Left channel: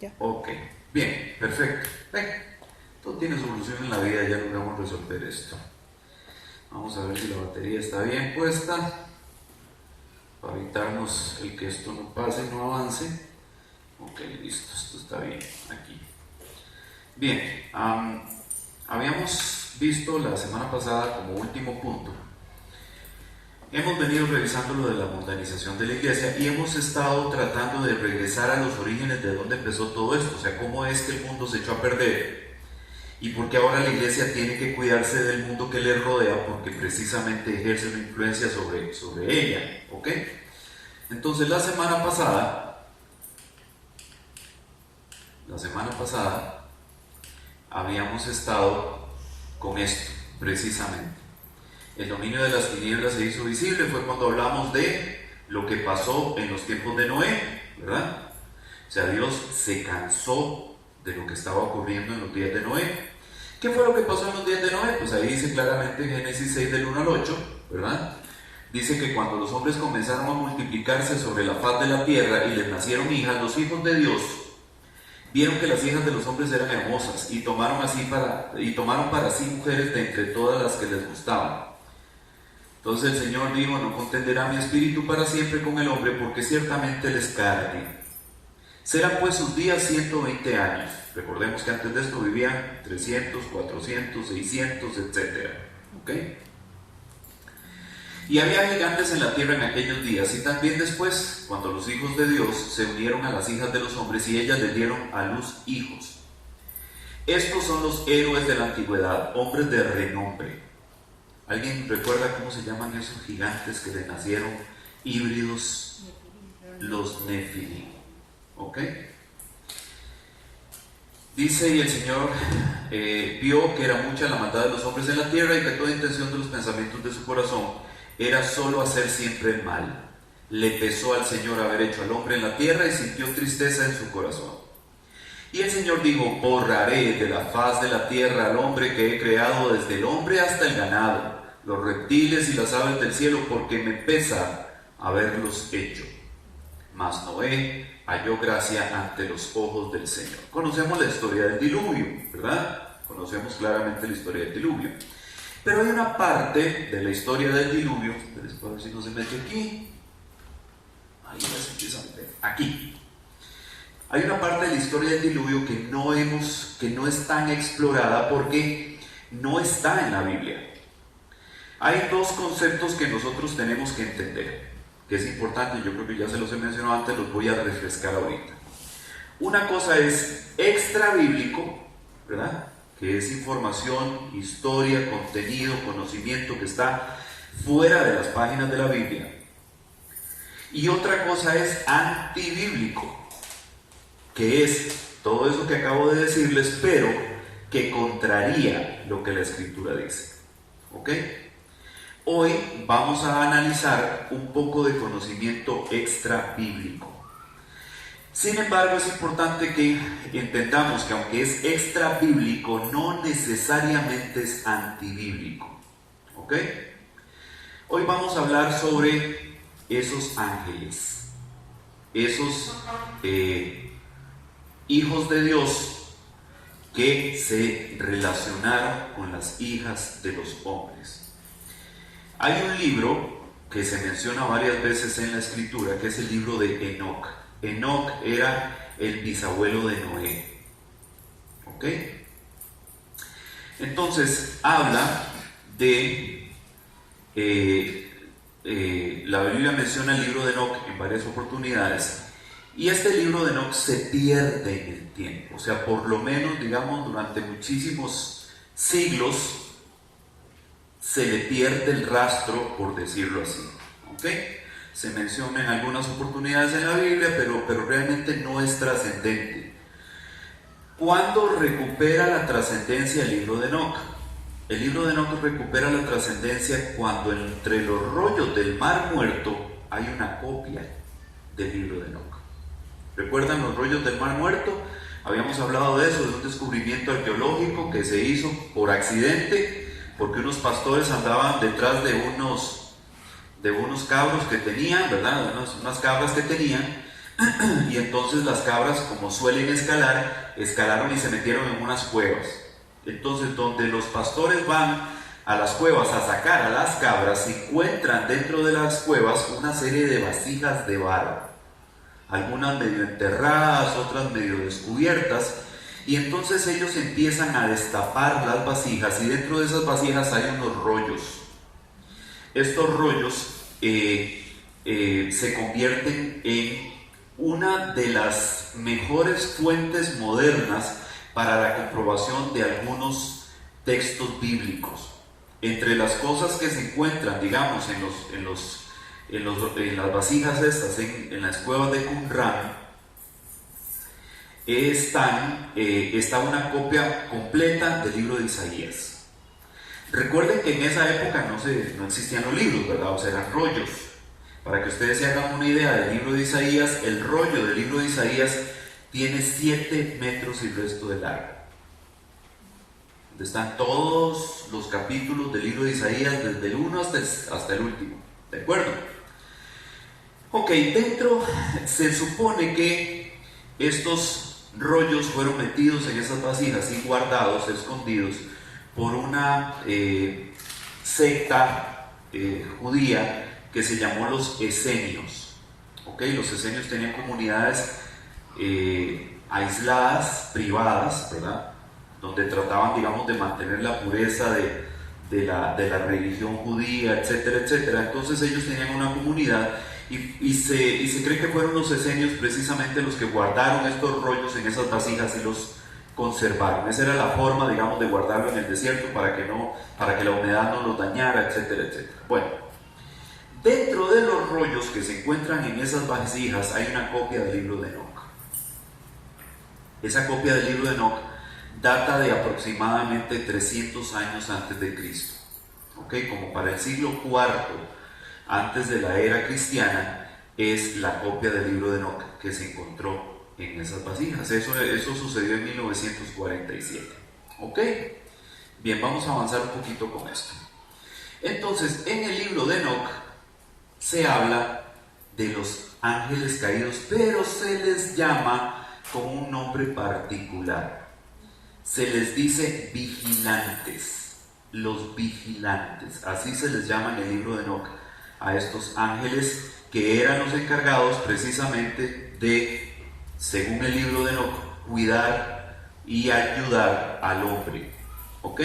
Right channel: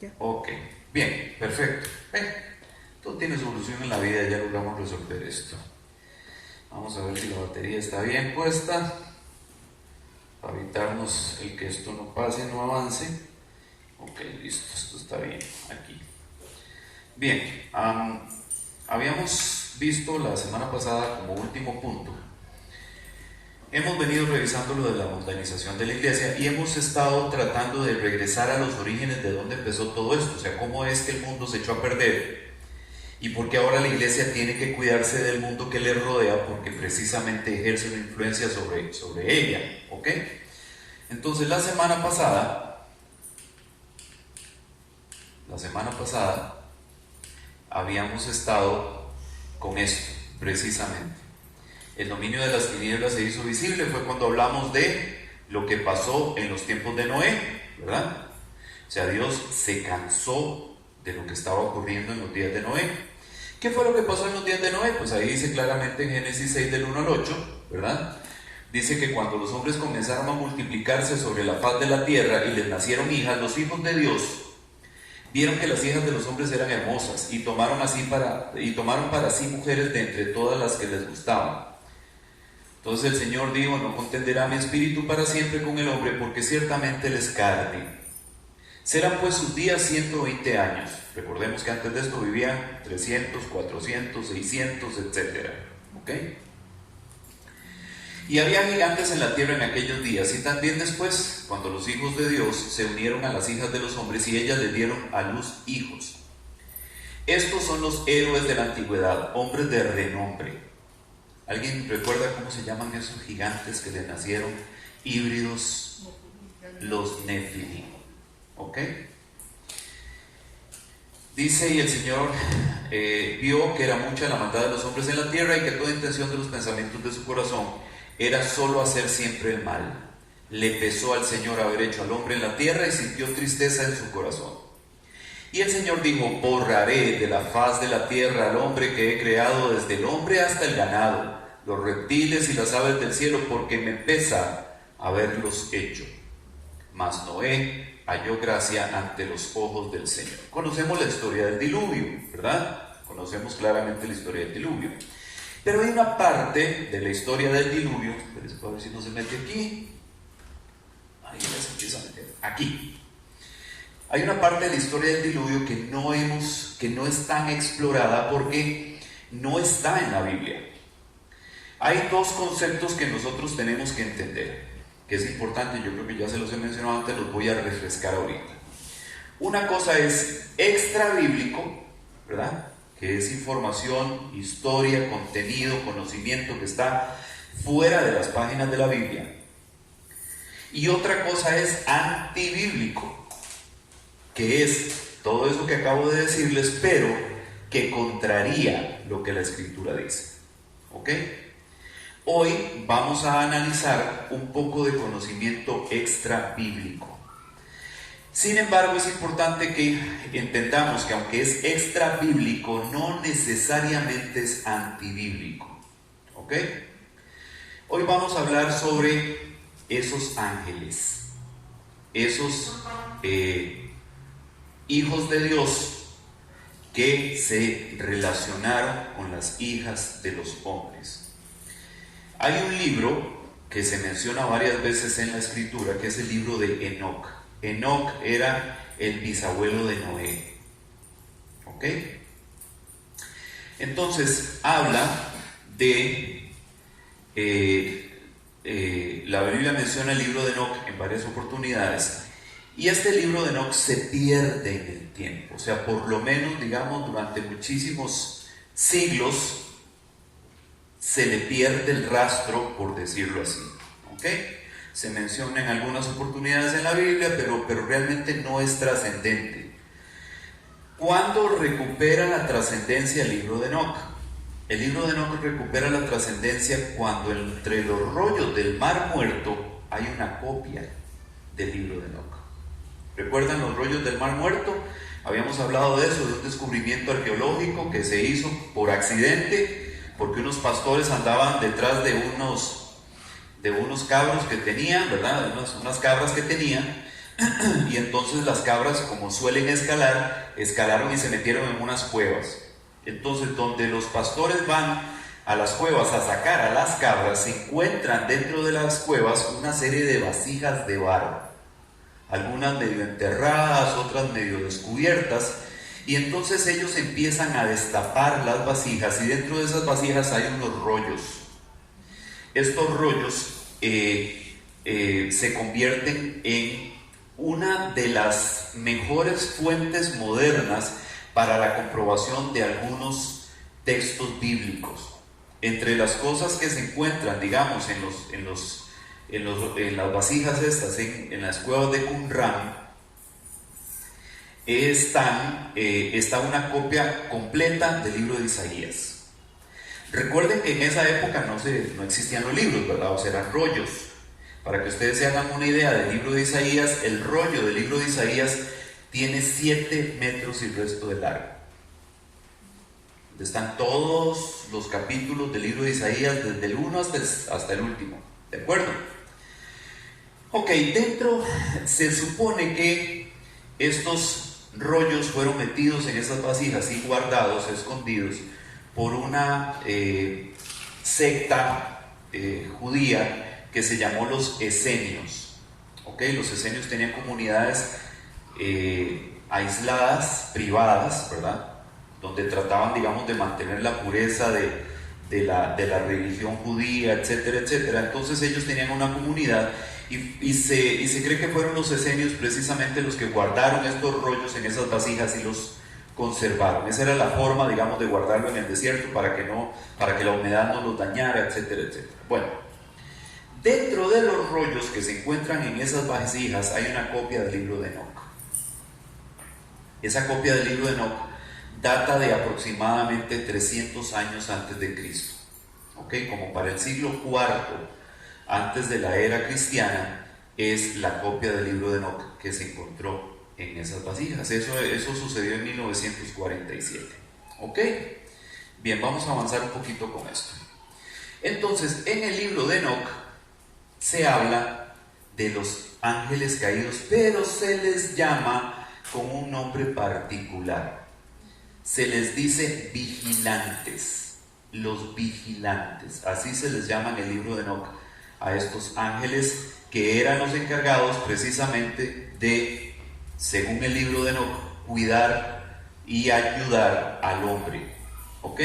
Ya. Ok, bien, perfecto. Todo tiene solución en la vida, ya logramos resolver esto. Vamos a ver si la batería está bien puesta, para evitarnos el que esto no pase, no avance. Ok, listo, esto está bien, aquí. Bien, habíamos visto la semana pasada como último punto. Hemos venido revisando lo de la mundanización de la iglesia y hemos estado tratando de regresar a los orígenes de dónde empezó todo esto, o sea, cómo es que el mundo se echó a perder y por qué ahora la iglesia tiene que cuidarse del mundo que le rodea porque precisamente ejerce una influencia sobre ella, ¿ok? Entonces la semana pasada habíamos estado con esto, precisamente. El dominio de las tinieblas se hizo visible, fue cuando hablamos de lo que pasó en los tiempos de Noé, ¿verdad? O sea, Dios se cansó de lo que estaba ocurriendo en los días de Noé. ¿Qué fue lo que pasó en los días de Noé? Pues ahí dice claramente en Génesis 6 del 1 al 8, ¿verdad? Dice que cuando los hombres comenzaron a multiplicarse sobre la faz de la tierra y les nacieron hijas, los hijos de Dios vieron que las hijas de los hombres eran hermosas y tomaron para sí mujeres de entre todas las que les gustaban. Entonces el Señor dijo: no contenderá mi espíritu para siempre con el hombre, porque ciertamente él es carne. Serán pues sus días 120 años. Recordemos que antes de esto vivían 300, 400, 600, etc. ¿Ok? Y había gigantes en la tierra en aquellos días, y también después, cuando los hijos de Dios se unieron a las hijas de los hombres, y ellas le dieron a luz hijos. Estos son los héroes de la antigüedad, hombres de renombre. ¿Alguien recuerda cómo se llaman esos gigantes que le nacieron híbridos? Los Nefilim. ¿Ok? Dice: y el Señor vio que era mucha la maldad de los hombres en la tierra, y que toda intención de los pensamientos de su corazón era solo hacer siempre el mal. Le pesó al Señor haber hecho al hombre en la tierra, y sintió tristeza en su corazón. Y el Señor dijo: borraré de la faz de la tierra al hombre que he creado, desde el hombre hasta el ganado, los reptiles y las aves del cielo, porque me pesa haberlos hecho. Mas Noé halló gracia ante los ojos del Señor. Conocemos la historia del diluvio, ¿verdad? Conocemos claramente la historia del diluvio. Pero hay una parte de la historia del diluvio, a ver si no se mete aquí. Ahí ya se empieza a meter. Aquí. Hay una parte de la historia del diluvio que no es tan explorada porque no está en la Biblia. Hay dos conceptos que nosotros tenemos que entender, que es importante. Yo creo que ya se los he mencionado antes, los voy a refrescar ahorita. Una cosa es extra bíblico, ¿verdad?, que es información, historia, contenido, conocimiento que está fuera de las páginas de la Biblia. Y otra cosa es antibíblico, que es todo eso que acabo de decirles, pero que contraría lo que la Escritura dice. ¿Ok? Hoy vamos a analizar un poco de conocimiento extra bíblico. Sin embargo, es importante que entendamos que aunque es extra bíblico, no necesariamente es antibíblico. ¿Ok? Hoy vamos a hablar sobre esos ángeles, esos hijos de Dios que se relacionaron con las hijas de los hombres. Hay un libro que se menciona varias veces en la Escritura, que es el libro de Enoc. Enoc era el bisabuelo de Noé. ¿Ok? Entonces habla de la Biblia menciona el libro de Enoc en varias oportunidades, y este libro de Enoc se pierde en el tiempo. O sea, por lo menos, digamos, durante muchísimos siglos se le pierde el rastro, por decirlo así. ¿Ok? Se menciona en algunas oportunidades en la Biblia, pero realmente no es trascendente. ¿Cuándo recupera la trascendencia el libro de Enoc? El libro de Enoc recupera la trascendencia cuando entre los rollos del Mar Muerto hay una copia del libro de Enoc. ¿Recuerdan los rollos del Mar Muerto? Habíamos hablado de eso, de un descubrimiento arqueológico que se hizo por accidente, porque unos pastores andaban detrás de unos cabros que tenían, ¿verdad? Unas cabras que tenían, y entonces las cabras, como suelen escalar, escalaron y se metieron en unas cuevas. Entonces, donde los pastores van a las cuevas a sacar a las cabras, se encuentran dentro de las cuevas una serie de vasijas de barro, algunas medio enterradas, otras medio descubiertas, y entonces ellos empiezan a destapar las vasijas, y dentro de esas vasijas hay unos rollos. Estos rollos se convierten en una de las mejores fuentes modernas para la comprobación de algunos textos bíblicos. Entre las cosas que se encuentran, digamos, en las vasijas estas, en las cuevas de Qumran, está una copia completa del libro de Isaías. Recuerden que en esa época no existían los libros, ¿verdad? O sea, eran rollos. Para que ustedes se hagan una idea del libro de Isaías, el rollo del libro de Isaías tiene 7 metros y resto de largo. Están todos los capítulos del libro de Isaías, desde el 1 hasta el último. ¿De acuerdo? Ok, dentro se supone que estos rollos fueron metidos en esas vasijas y guardados, escondidos, por una secta judía que se llamó los esenios. ¿Okay? Los esenios tenían comunidades aisladas, privadas, ¿verdad? Donde trataban, digamos, de mantener la pureza de la religión judía, etcétera, etcétera. Entonces ellos tenían una comunidad y se cree que fueron los esenios precisamente los que guardaron estos rollos en esas vasijas y los conservaron. Esa era la forma, digamos, de guardarlo en el desierto para que la humedad no los dañara, etcétera, etcétera. Bueno, dentro de los rollos que se encuentran en esas vasijas hay una copia del libro de Enoc. Esa copia del libro de Enoc data de aproximadamente 300 años antes de Cristo. ¿Okay? Como para el siglo IV antes de la era cristiana es la copia del libro de Enoc que se encontró en esas vasijas. Eso sucedió en 1947. ¿Ok? Bien, vamos a avanzar un poquito con esto. Entonces, en el libro de Enoc se habla de los ángeles caídos, pero se les llama con un nombre particular. Se les dice vigilantes, los vigilantes, así se les llama en el libro de Enoc a estos ángeles que eran los encargados precisamente de, según el libro de Enoc, cuidar y ayudar al hombre. ¿Ok?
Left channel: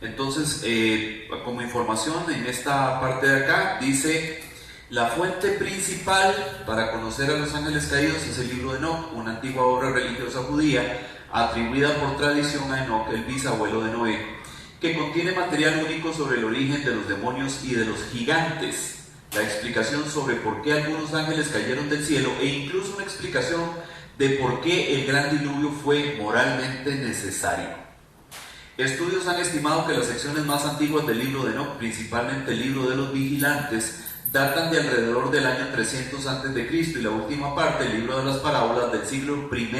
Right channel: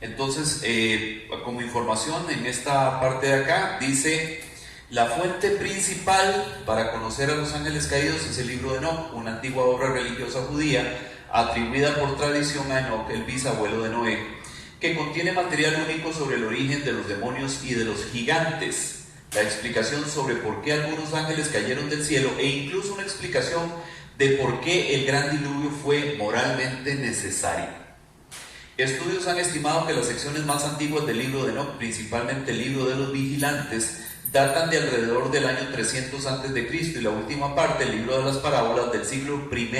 Entonces, como información en esta parte de acá, dice: la fuente principal para conocer a los ángeles caídos es el libro de Enoc, una antigua obra religiosa judía atribuida por tradición a Enoc, el bisabuelo de Noé, que contiene material único sobre el origen de los demonios y de los gigantes, la explicación sobre por qué algunos ángeles cayeron del cielo e incluso una explicación de por qué el gran diluvio fue moralmente necesario. Estudios han estimado que las secciones más antiguas del libro de Enoc, principalmente el libro de los vigilantes, datan de alrededor del año 300 a.C. y la última parte, el libro de las parábolas, del siglo I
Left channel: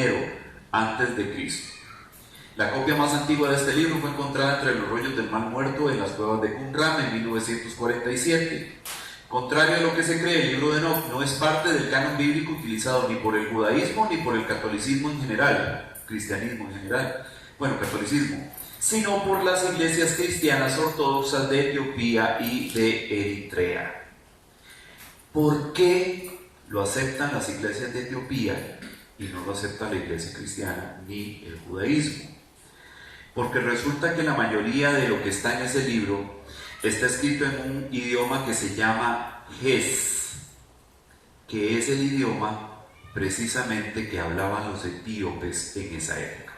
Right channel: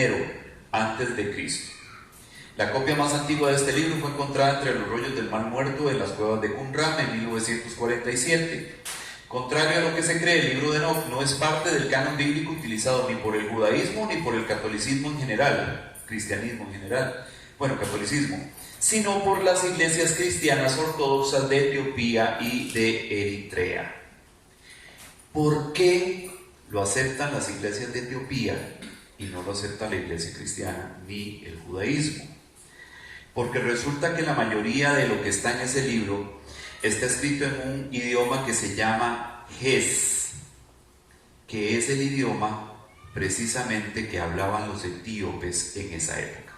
a.C. La copia más antigua de este libro fue encontrada entre los rollos del Mar Muerto en las cuevas de Qumran en 1947. Contrario a lo que se cree, el libro de Enoc no es parte del canon bíblico utilizado ni por el judaísmo ni por el catolicismo en general, cristianismo en general, catolicismo, sino por las iglesias cristianas ortodoxas de Etiopía y de Eritrea. ¿Por qué lo aceptan las iglesias de Etiopía y no lo acepta la iglesia cristiana ni el judaísmo? Porque resulta que la mayoría de lo que está en ese libro está escrito en un idioma que se llama Ges, que es el idioma precisamente que hablaban los etíopes en esa época.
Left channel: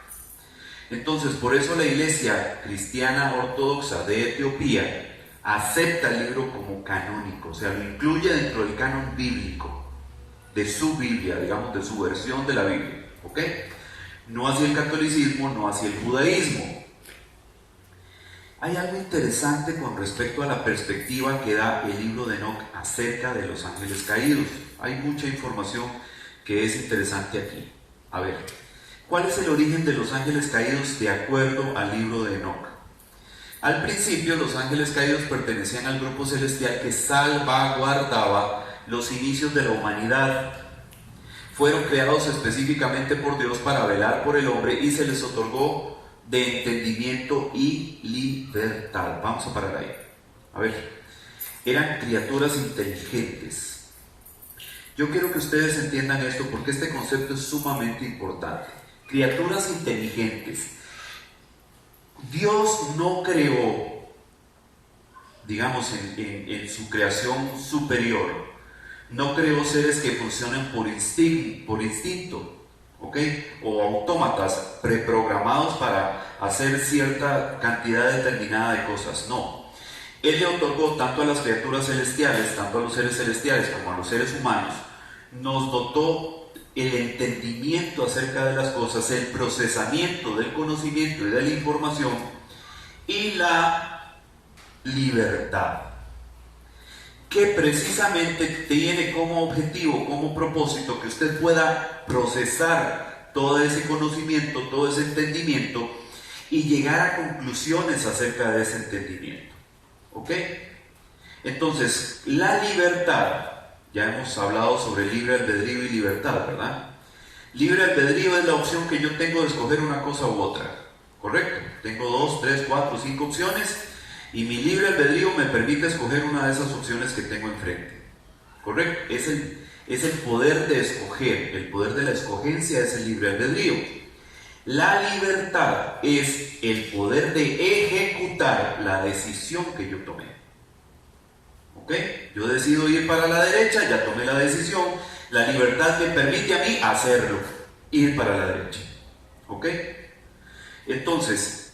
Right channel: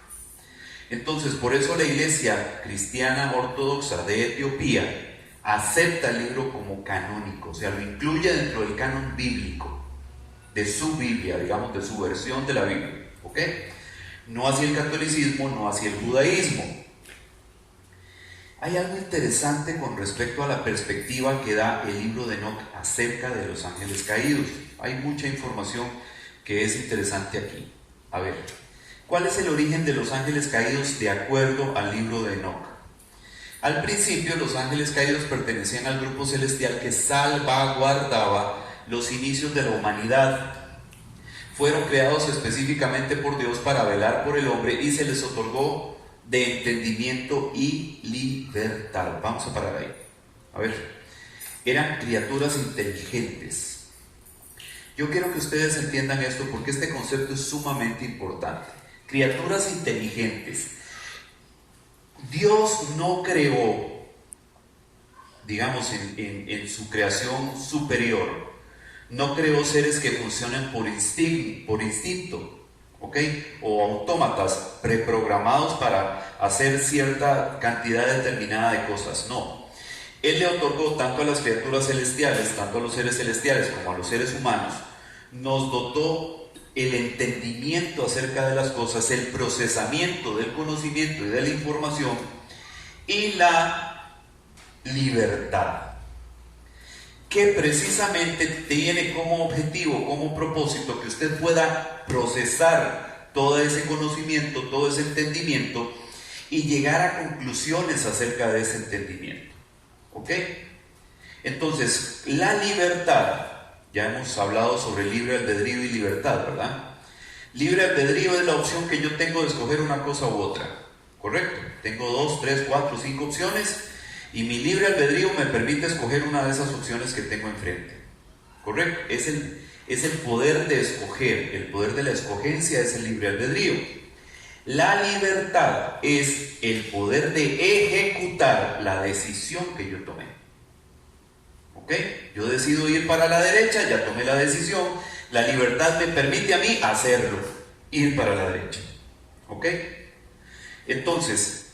Entonces, por eso la iglesia cristiana ortodoxa de Etiopía acepta el libro como canónico, o sea, lo incluye dentro del canon bíblico, de su Biblia, digamos, de su versión de la Biblia, ¿ok? No así el catolicismo, no así el judaísmo. Hay algo interesante con respecto a la perspectiva que da el libro de Enoc acerca de los ángeles caídos. Hay mucha información que es interesante aquí. A ver, ¿cuál es el origen de los ángeles caídos de acuerdo al libro de Enoc? Al principio, los ángeles caídos pertenecían al grupo celestial que salvaguardaba los inicios de la humanidad. fueron creados específicamente por Dios para velar por el hombre y se les otorgó de entendimiento y libertad. Vamos a parar ahí. A ver, eran criaturas inteligentes. Yo quiero que ustedes entiendan esto porque este concepto es sumamente importante. Criaturas inteligentes. Dios no creó, digamos, en su creación superior, no creó seres que funcionen por instinto, ¿ok? O autómatas preprogramados para hacer cierta cantidad determinada de cosas. No. Él le otorgó tanto a las criaturas celestiales, tanto a los seres celestiales como a los seres humanos, nos dotó el entendimiento acerca de las cosas, el procesamiento del conocimiento y de la información y la libertad, que precisamente tiene como objetivo, como propósito, que usted pueda procesar todo ese conocimiento, todo ese entendimiento y llegar a conclusiones acerca de ese entendimiento. ¿Ok? Entonces, la libertad, ya hemos hablado sobre libre albedrío y libertad, ¿verdad? Libre albedrío es la opción que yo tengo de escoger una cosa u otra, ¿correcto? Tengo 2, 3, 4, 5 opciones y mi libre albedrío me permite escoger una de esas opciones que tengo enfrente, ¿correcto? Es el poder de escoger, el poder de la escogencia es el libre albedrío. La libertad es el poder de ejecutar la decisión que yo tomé. ¿Ok? Yo decido ir para la derecha, ya tomé la decisión. La libertad me permite a mí hacerlo, ir para la derecha. ¿Ok? Entonces,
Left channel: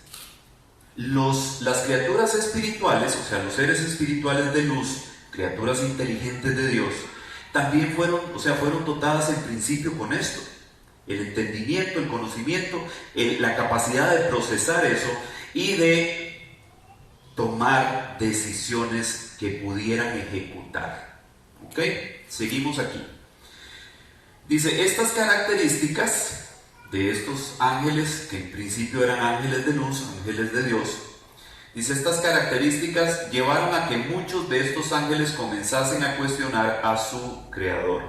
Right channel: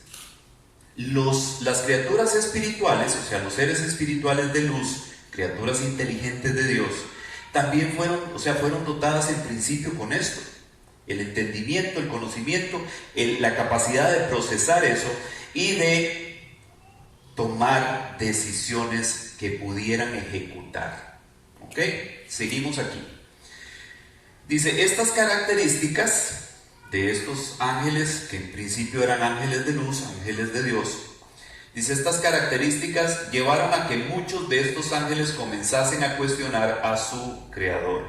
las criaturas espirituales, o sea, los seres espirituales de luz, criaturas inteligentes de Dios, también fueron dotadas en principio con esto. El entendimiento, el conocimiento, la capacidad de procesar eso y de tomar decisiones que pudieran ejecutar. ¿Ok? Seguimos aquí. Dice, estas características de estos ángeles, que en principio eran ángeles de luz, ángeles de Dios, dice, estas características llevaron a que muchos de estos ángeles comenzasen a cuestionar a su Creador,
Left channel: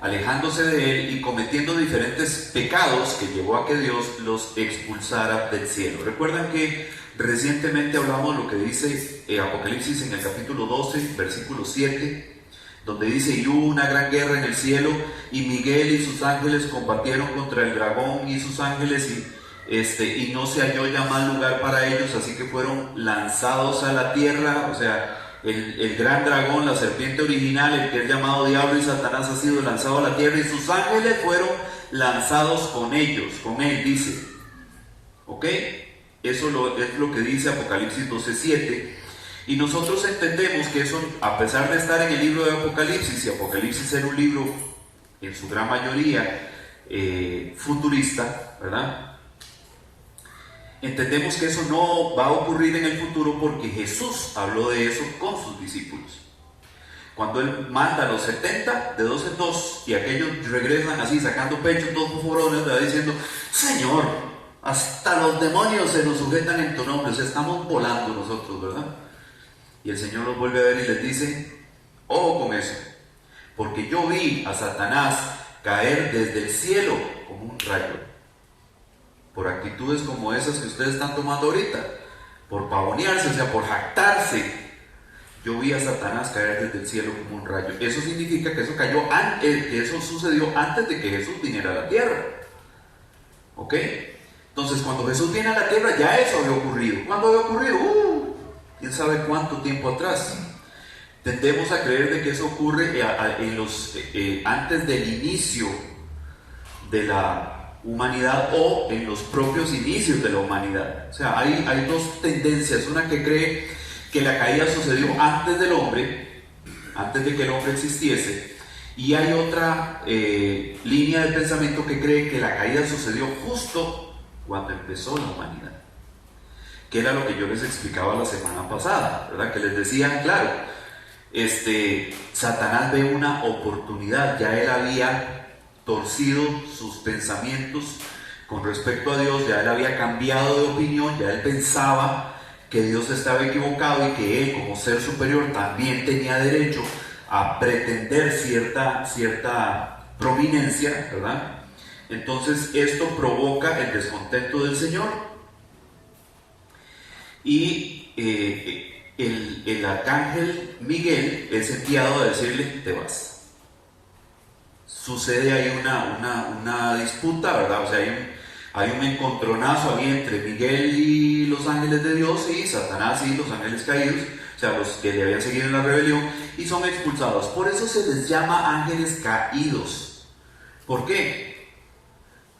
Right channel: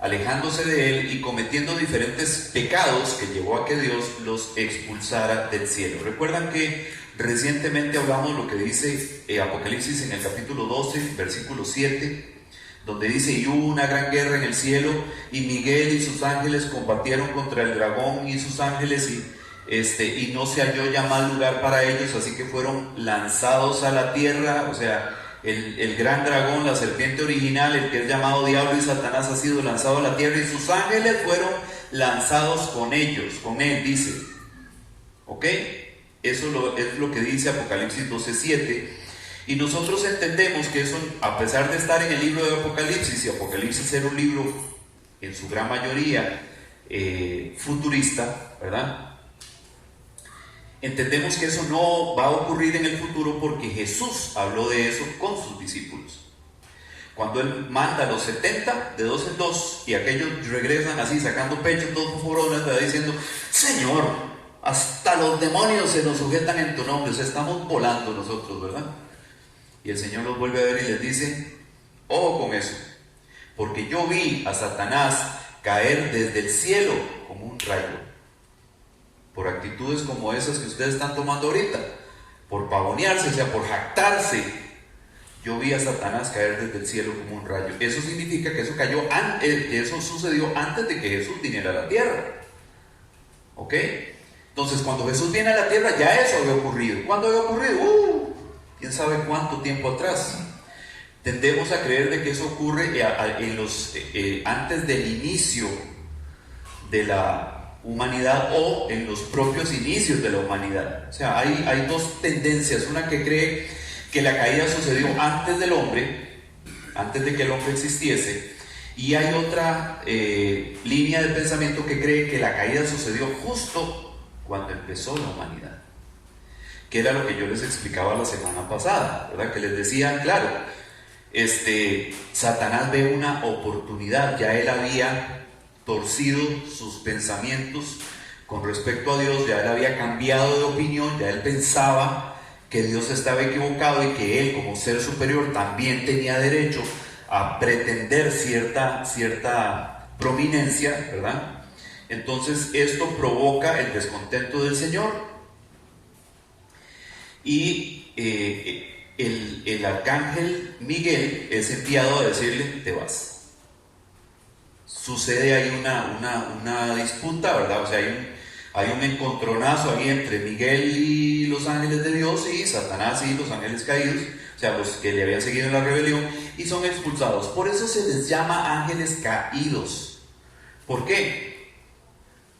alejándose de él y cometiendo diferentes pecados que llevó a que Dios los expulsara del cielo. Recuerdan que recientemente hablamos de lo que dice Apocalipsis en el capítulo 12, versículo 7, donde dice, y hubo una gran guerra en el cielo, y Miguel y sus ángeles combatieron contra el dragón y sus ángeles, y no se halló ya mal lugar para ellos, así que fueron lanzados a la tierra. O sea, el gran dragón, la serpiente original, el que es llamado Diablo y Satanás, ha sido lanzado a la tierra y sus ángeles fueron lanzados con ellos, con él, dice. ¿Ok? Eso es lo que dice Apocalipsis 12:7. Y nosotros entendemos que eso, a pesar de estar en el libro de Apocalipsis, y Apocalipsis era un libro en su gran mayoría futurista, ¿verdad? Entendemos que eso no va a ocurrir en el futuro porque Jesús habló de eso con sus discípulos. Cuando Él manda a los 70 de 2 en 2 y aquellos regresan así sacando pecho, todos forones, le va diciendo, Señor, hasta los demonios se nos sujetan en tu nombre. O sea, estamos volando nosotros, ¿verdad? Y el Señor los vuelve a ver y les dice, ojo con eso, porque yo vi a Satanás caer desde el cielo como un rayo, por actitudes como esas que ustedes están tomando ahorita, por pavonearse, o sea, por jactarse. Yo vi a Satanás caer desde el cielo como un rayo. Eso significa que eso cayó antes, que eso sucedió antes de que Jesús viniera a la tierra. ¿Ok? Entonces, cuando Jesús viene a la tierra, ya eso había ocurrido. ¿Cuándo había ocurrido? ¿Quién sabe cuánto tiempo atrás? Tendemos a creer de que eso ocurre antes del inicio de la humanidad o en los propios inicios de la humanidad. O sea, hay dos tendencias. Una que cree que la caída sucedió antes del hombre, antes de que el hombre existiese, y hay otra línea de pensamiento que cree que la caída sucedió justo cuando empezó la humanidad, que era lo que yo les explicaba la semana pasada, ¿verdad? Que les decía, claro, Satanás ve una oportunidad. Ya él había torcido sus pensamientos con respecto a Dios, ya él había cambiado de opinión, ya él pensaba que Dios estaba equivocado y que él, como ser superior, también tenía derecho a pretender cierta prominencia, ¿verdad? Entonces esto provoca el descontento del Señor y el arcángel Miguel es enviado a decirle: te vas. Sucede ahí una disputa, ¿verdad? O sea, hay un encontronazo ahí entre Miguel y los ángeles de Dios, y Satanás y los ángeles caídos, o sea, los que le habían seguido en la rebelión, y son expulsados. Por eso se les llama ángeles caídos. ¿Por qué?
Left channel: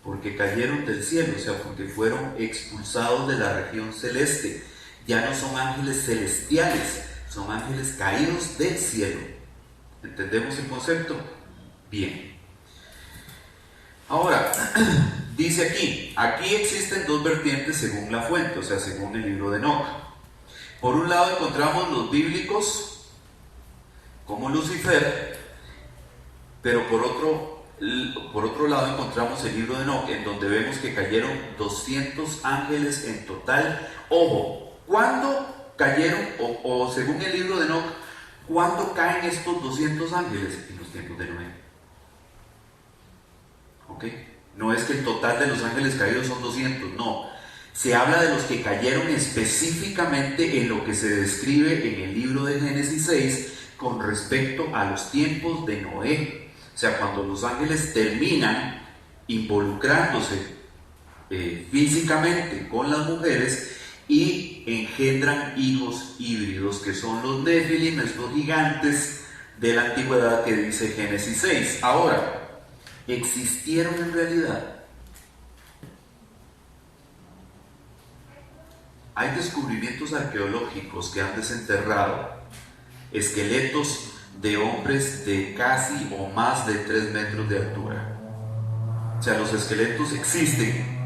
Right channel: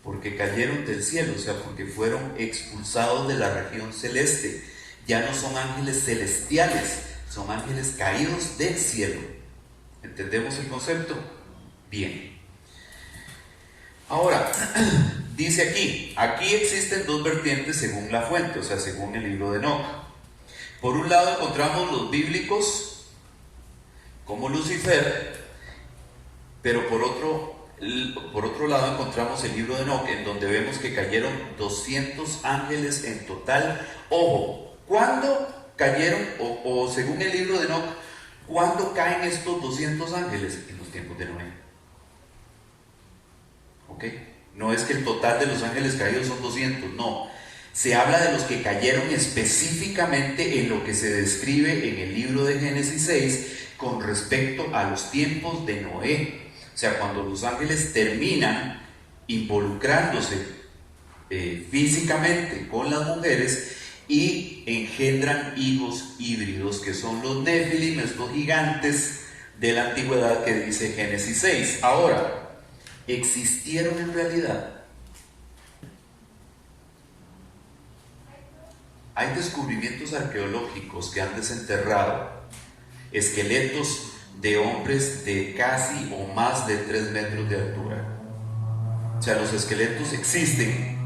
Porque cayeron del cielo, o sea, porque fueron expulsados de la región celeste. Ya no son ángeles celestiales, son ángeles caídos del cielo. ¿Entendemos el concepto? Bien. Ahora, dice aquí existen dos vertientes según la fuente, o sea, según el libro de Enoc. Por un lado encontramos los bíblicos, como Lucifer, pero por otro lado encontramos el libro de Enoc, en donde vemos que cayeron 200 ángeles en total. Ojo, ¿cuándo cayeron? O según el libro de Enoc, ¿cuándo caen estos 200 ángeles? En los tiempos de Noé. ¿Ok? No es que el total de los ángeles caídos son 200, no. Se habla de los que cayeron específicamente en lo que se describe en el libro de Génesis 6 con respecto a los tiempos de Noé. O sea, cuando los ángeles terminan involucrándose físicamente con las mujeres y engendran hijos híbridos, que son los Nefilim, estos gigantes de la antigüedad que dice Génesis 6. Ahora, ¿existieron en realidad? Hay descubrimientos arqueológicos que han desenterrado esqueletos de hombres de casi o más de 3 metros de altura. O sea, los esqueletos existen.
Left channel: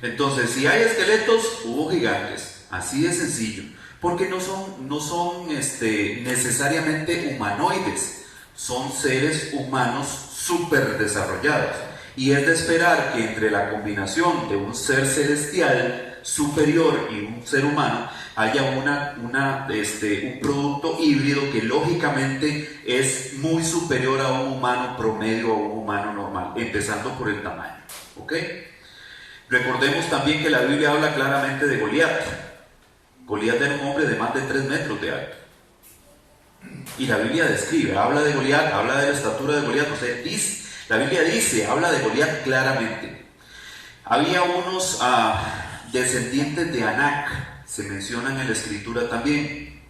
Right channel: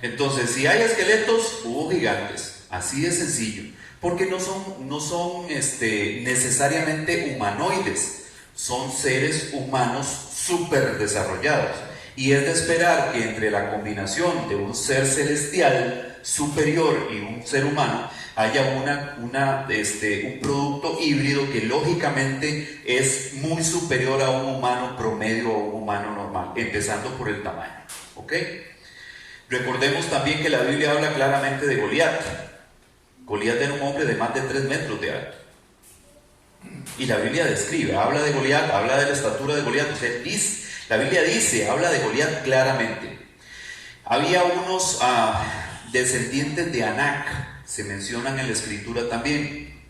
Entonces, si hay esqueletos, hubo gigantes. Así de sencillo. Porque no son necesariamente humanoides. Son seres humanos súper desarrollados. Y es de esperar que entre la combinación de un ser celestial superior y un ser humano haya un producto híbrido que lógicamente es muy superior a un humano promedio o un humano normal, empezando por el tamaño. ¿Ok? Recordemos también que la Biblia habla claramente de Goliat. Goliat era un hombre de más de 3 metros de alto. Y la Biblia describe, habla de Goliat, habla de la estatura de Goliat. O sea, la Biblia habla de Goliat claramente. Había unos descendientes de Anac, se mencionan en la escritura también.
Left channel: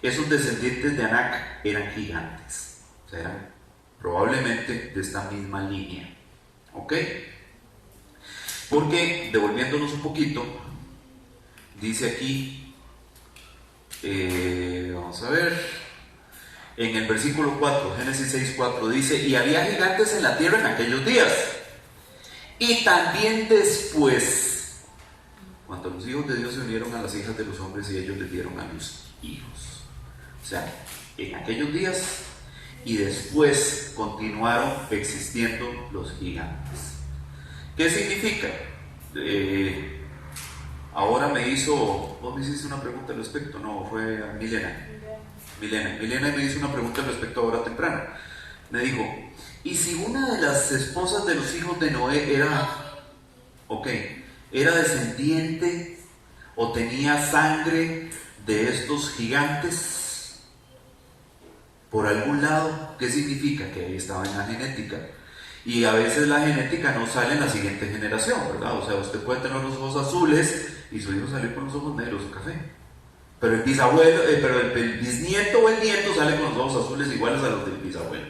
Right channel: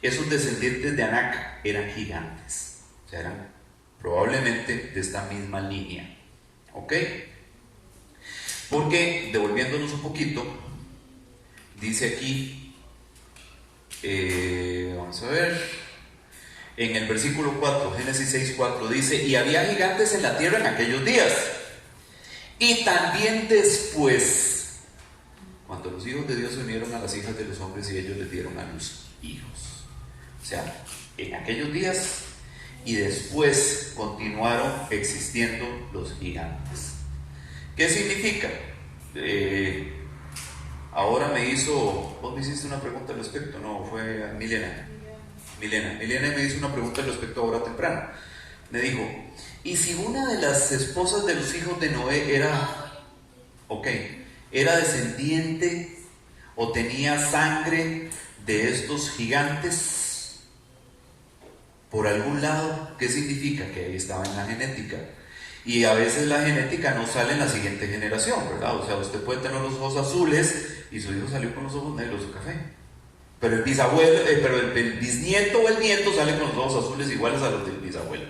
Esos descendientes de Anac eran gigantes, o sea, eran probablemente de esta misma línea. ¿Ok? Porque, devolviéndonos un poquito, dice aquí, vamos a ver, en el versículo 4, Génesis 6:4, dice: y había gigantes en la tierra en aquellos días, y también después, cuando los hijos de Dios se unieron a las hijas de los hombres y ellos les dieron a luz hijos. O sea, en aquellos días y después continuaron existiendo los gigantes. ¿Qué significa? Ahora vos me hiciste una pregunta al respecto, no, fue Milena me hizo una pregunta al respecto ahora temprano. Me dijo: ¿y si una de las esposas de los hijos de Noé era descendiente o tenía sangre de estos gigantes por algún lado? ¿Qué significa? Que ahí estaba en la genética. Y a veces la genética no sale en la siguiente generación, ¿verdad? O sea, usted puede tener los ojos azules y su hijo sale con los ojos negros o café. Pero el bisnieto o el nieto sale con los ojos azules iguales a los del bisabuelo.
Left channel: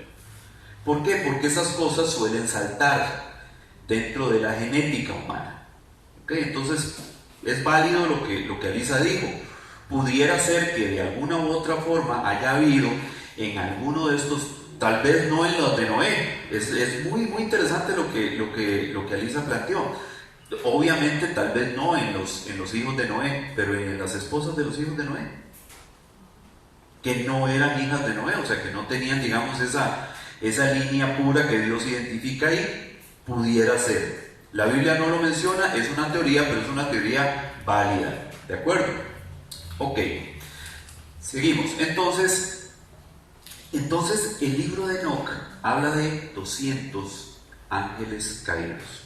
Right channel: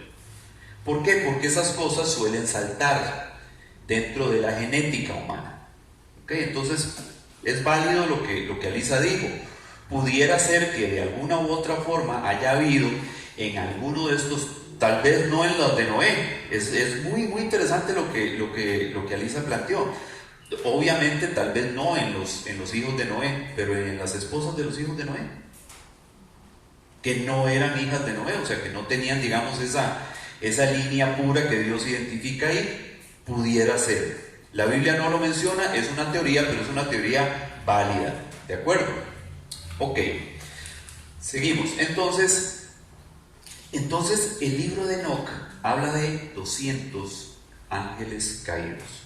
¿Por qué? Porque esas cosas suelen saltar dentro de la genética humana. ¿Okay? Entonces, es válido lo que Alisa dijo. Pudiera ser que de alguna u otra forma haya habido en alguno de estos, tal vez no en los de Noé. Es muy, muy interesante lo que Alisa planteó. Obviamente, tal vez no en los hijos de Noé, pero en las esposas de los hijos de Noé, que no eran hijas de Noé, o sea, que no tenían, digamos, esa línea pura que Dios identifica ahí. Pudiera ser. La Biblia no lo menciona, es una teoría, pero es una teoría válida. ¿De acuerdo? Ok. Seguimos. Entonces el libro de Enoc habla de 200 ángeles caídos.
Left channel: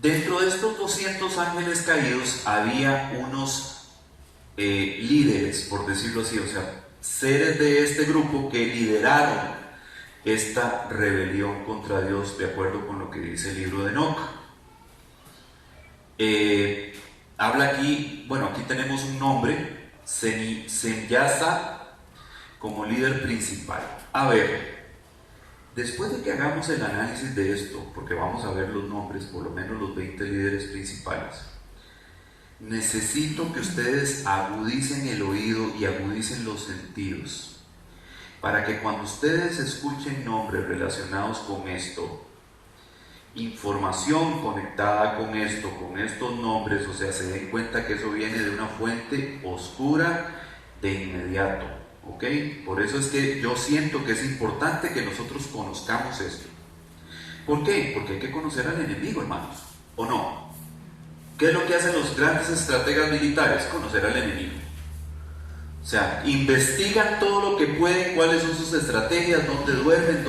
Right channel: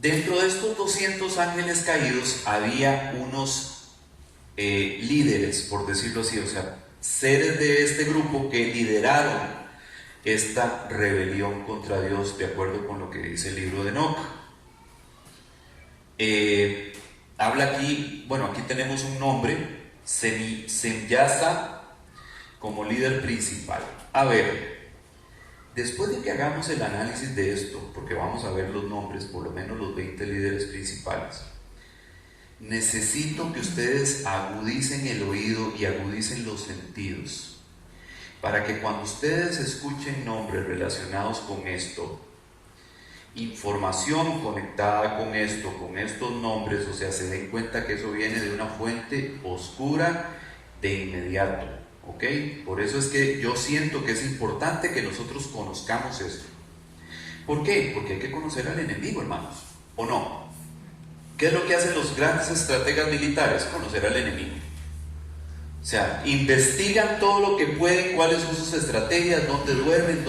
Dentro de estos 200 ángeles caídos había unos líderes, por decirlo así, o sea, seres de este grupo que lideraron esta rebelión contra Dios, de acuerdo con lo que dice el libro de Enoc. Habla aquí, bueno, aquí tenemos un nombre, Semyasa, como líder principal. A ver, después de que hagamos el análisis de esto, porque vamos a ver los nombres, por lo menos los 20 líderes principales, necesito que ustedes agudicen el oído y agudicen los sentidos, para que cuando ustedes escuchen nombres relacionados con esto, información conectada con esto, con estos nombres, o sea, se den cuenta que eso viene de una fuente oscura de inmediato, ¿ok? Por eso es que yo siento que es importante que nosotros conozcamos esto. ¿Por qué? Porque hay que conocer al enemigo, hermanos, ¿o no? ¿Qué es lo que hacen los grandes estrategas militares? Conocer al enemigo. O sea, investigan todo lo que pueden, cuáles son sus estrategias, dónde duermen,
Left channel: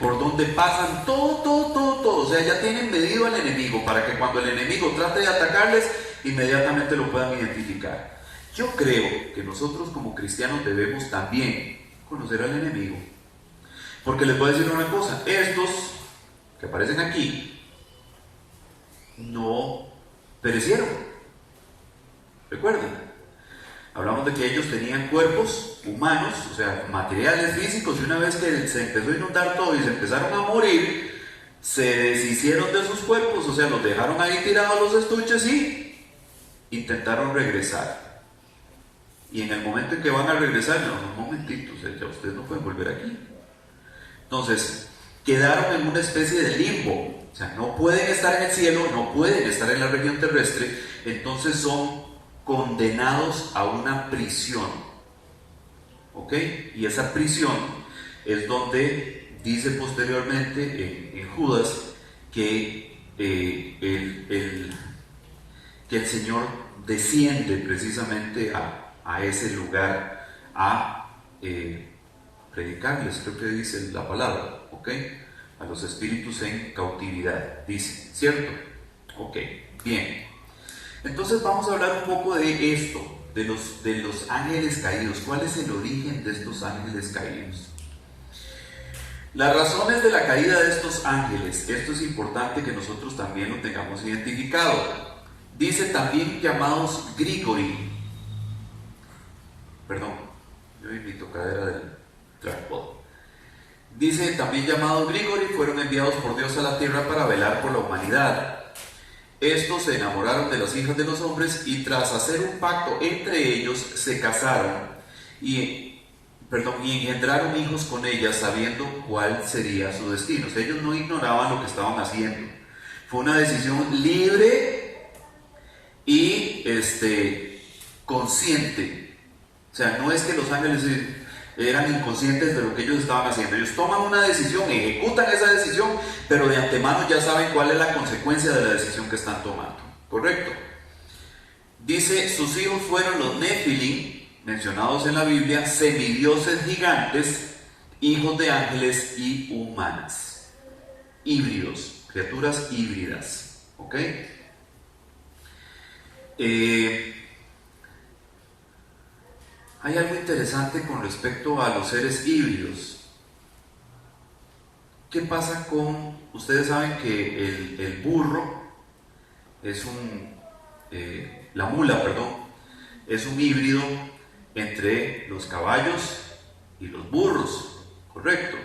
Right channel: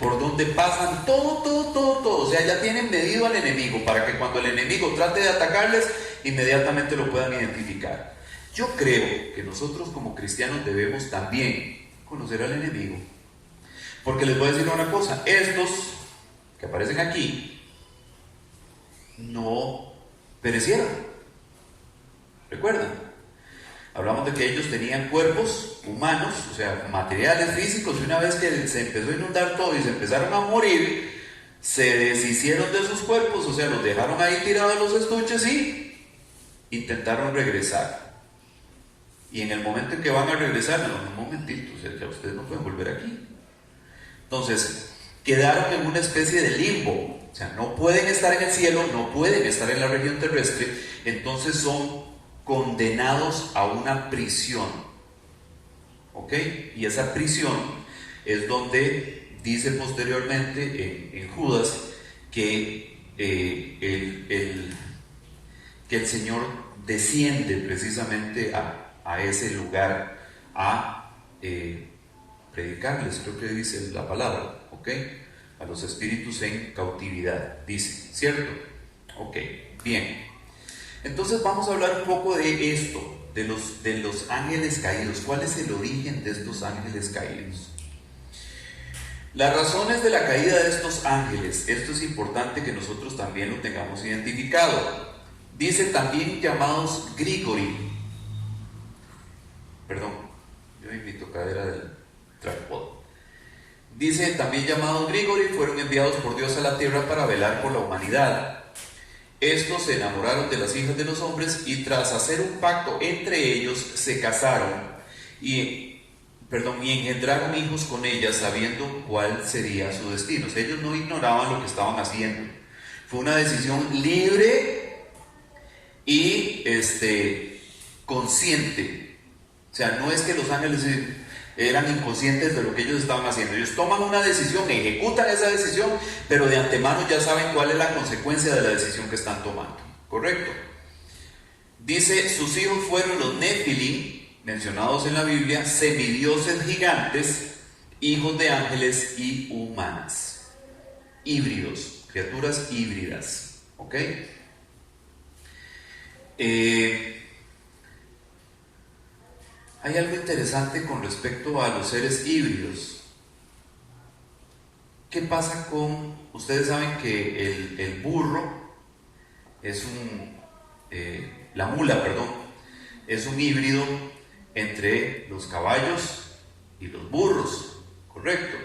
por dónde pasan, todo. O sea, ya tienen medido al enemigo para que cuando el enemigo trate de atacarles, inmediatamente lo puedan identificar. Yo creo que nosotros como cristianos debemos también conocer al enemigo. Porque les voy a decir una cosa, estos que aparecen aquí no perecieron. ¿Recuerdan? Hablamos de que ellos tenían cuerpos humanos, o sea, materiales físicos, y una vez que se empezó a inundar todo y se empezaron a morir, se deshicieron de sus cuerpos, o sea, los dejaron ahí tirados los estuches y intentaron regresar. Y en el momento en que van a regresar, no, un momentito, o sea, ya ustedes no pueden volver aquí. Entonces, quedaron en una especie de limbo, o sea, no pueden estar en el cielo, no pueden estar en la región terrestre, entonces son condenados a una prisión, ¿ok? Y esa prisión es donde dice posteriormente en Judas que el Señor desciende precisamente a ese lugar a predicarles, creo que dice la palabra, ¿ok? A los espíritus en cautividad, dice, ¿cierto? Ok, bien. Entonces vamos a hablar un poco de esto, de los ángeles caídos. ¿Cuál es el origen de estos ángeles caídos? Las razones de la caída de estos ángeles, esto es importante que nosotros también lo tengamos identificado. Dice también llamados Grigori. Perdón, yo mi tocadera del tripod. Dice también llamados Grigori, fueron enviados por Dios a la tierra para velar por la humanidad. Estos se enamoraron de las hijas de los hombres y tras hacer un pacto entre ellos se casaron y engendraron hijos con ellas sabiendo cuál sería su destino. O sea, ellos no ignoraban lo que estaban haciendo. Fue una decisión libre y consciente. O sea, no es que los ángeles eran inconscientes de lo que ellos estaban haciendo. Ellos toman una decisión, ejecutan esa decisión, pero de antemano ya saben cuál es la consecuencia de la decisión que están tomando. ¿Correcto? Dice, sus hijos fueron los Nefilim, mencionados en la Biblia, semidioses gigantes, hijos de ángeles y humanas. Híbridos, criaturas híbridas. ¿Ok? Hay algo interesante con respecto a los seres híbridos. ¿Qué pasa con...? Ustedes saben que el burro es la mula, perdón, es un híbrido entre los caballos y los burros, ¿correcto?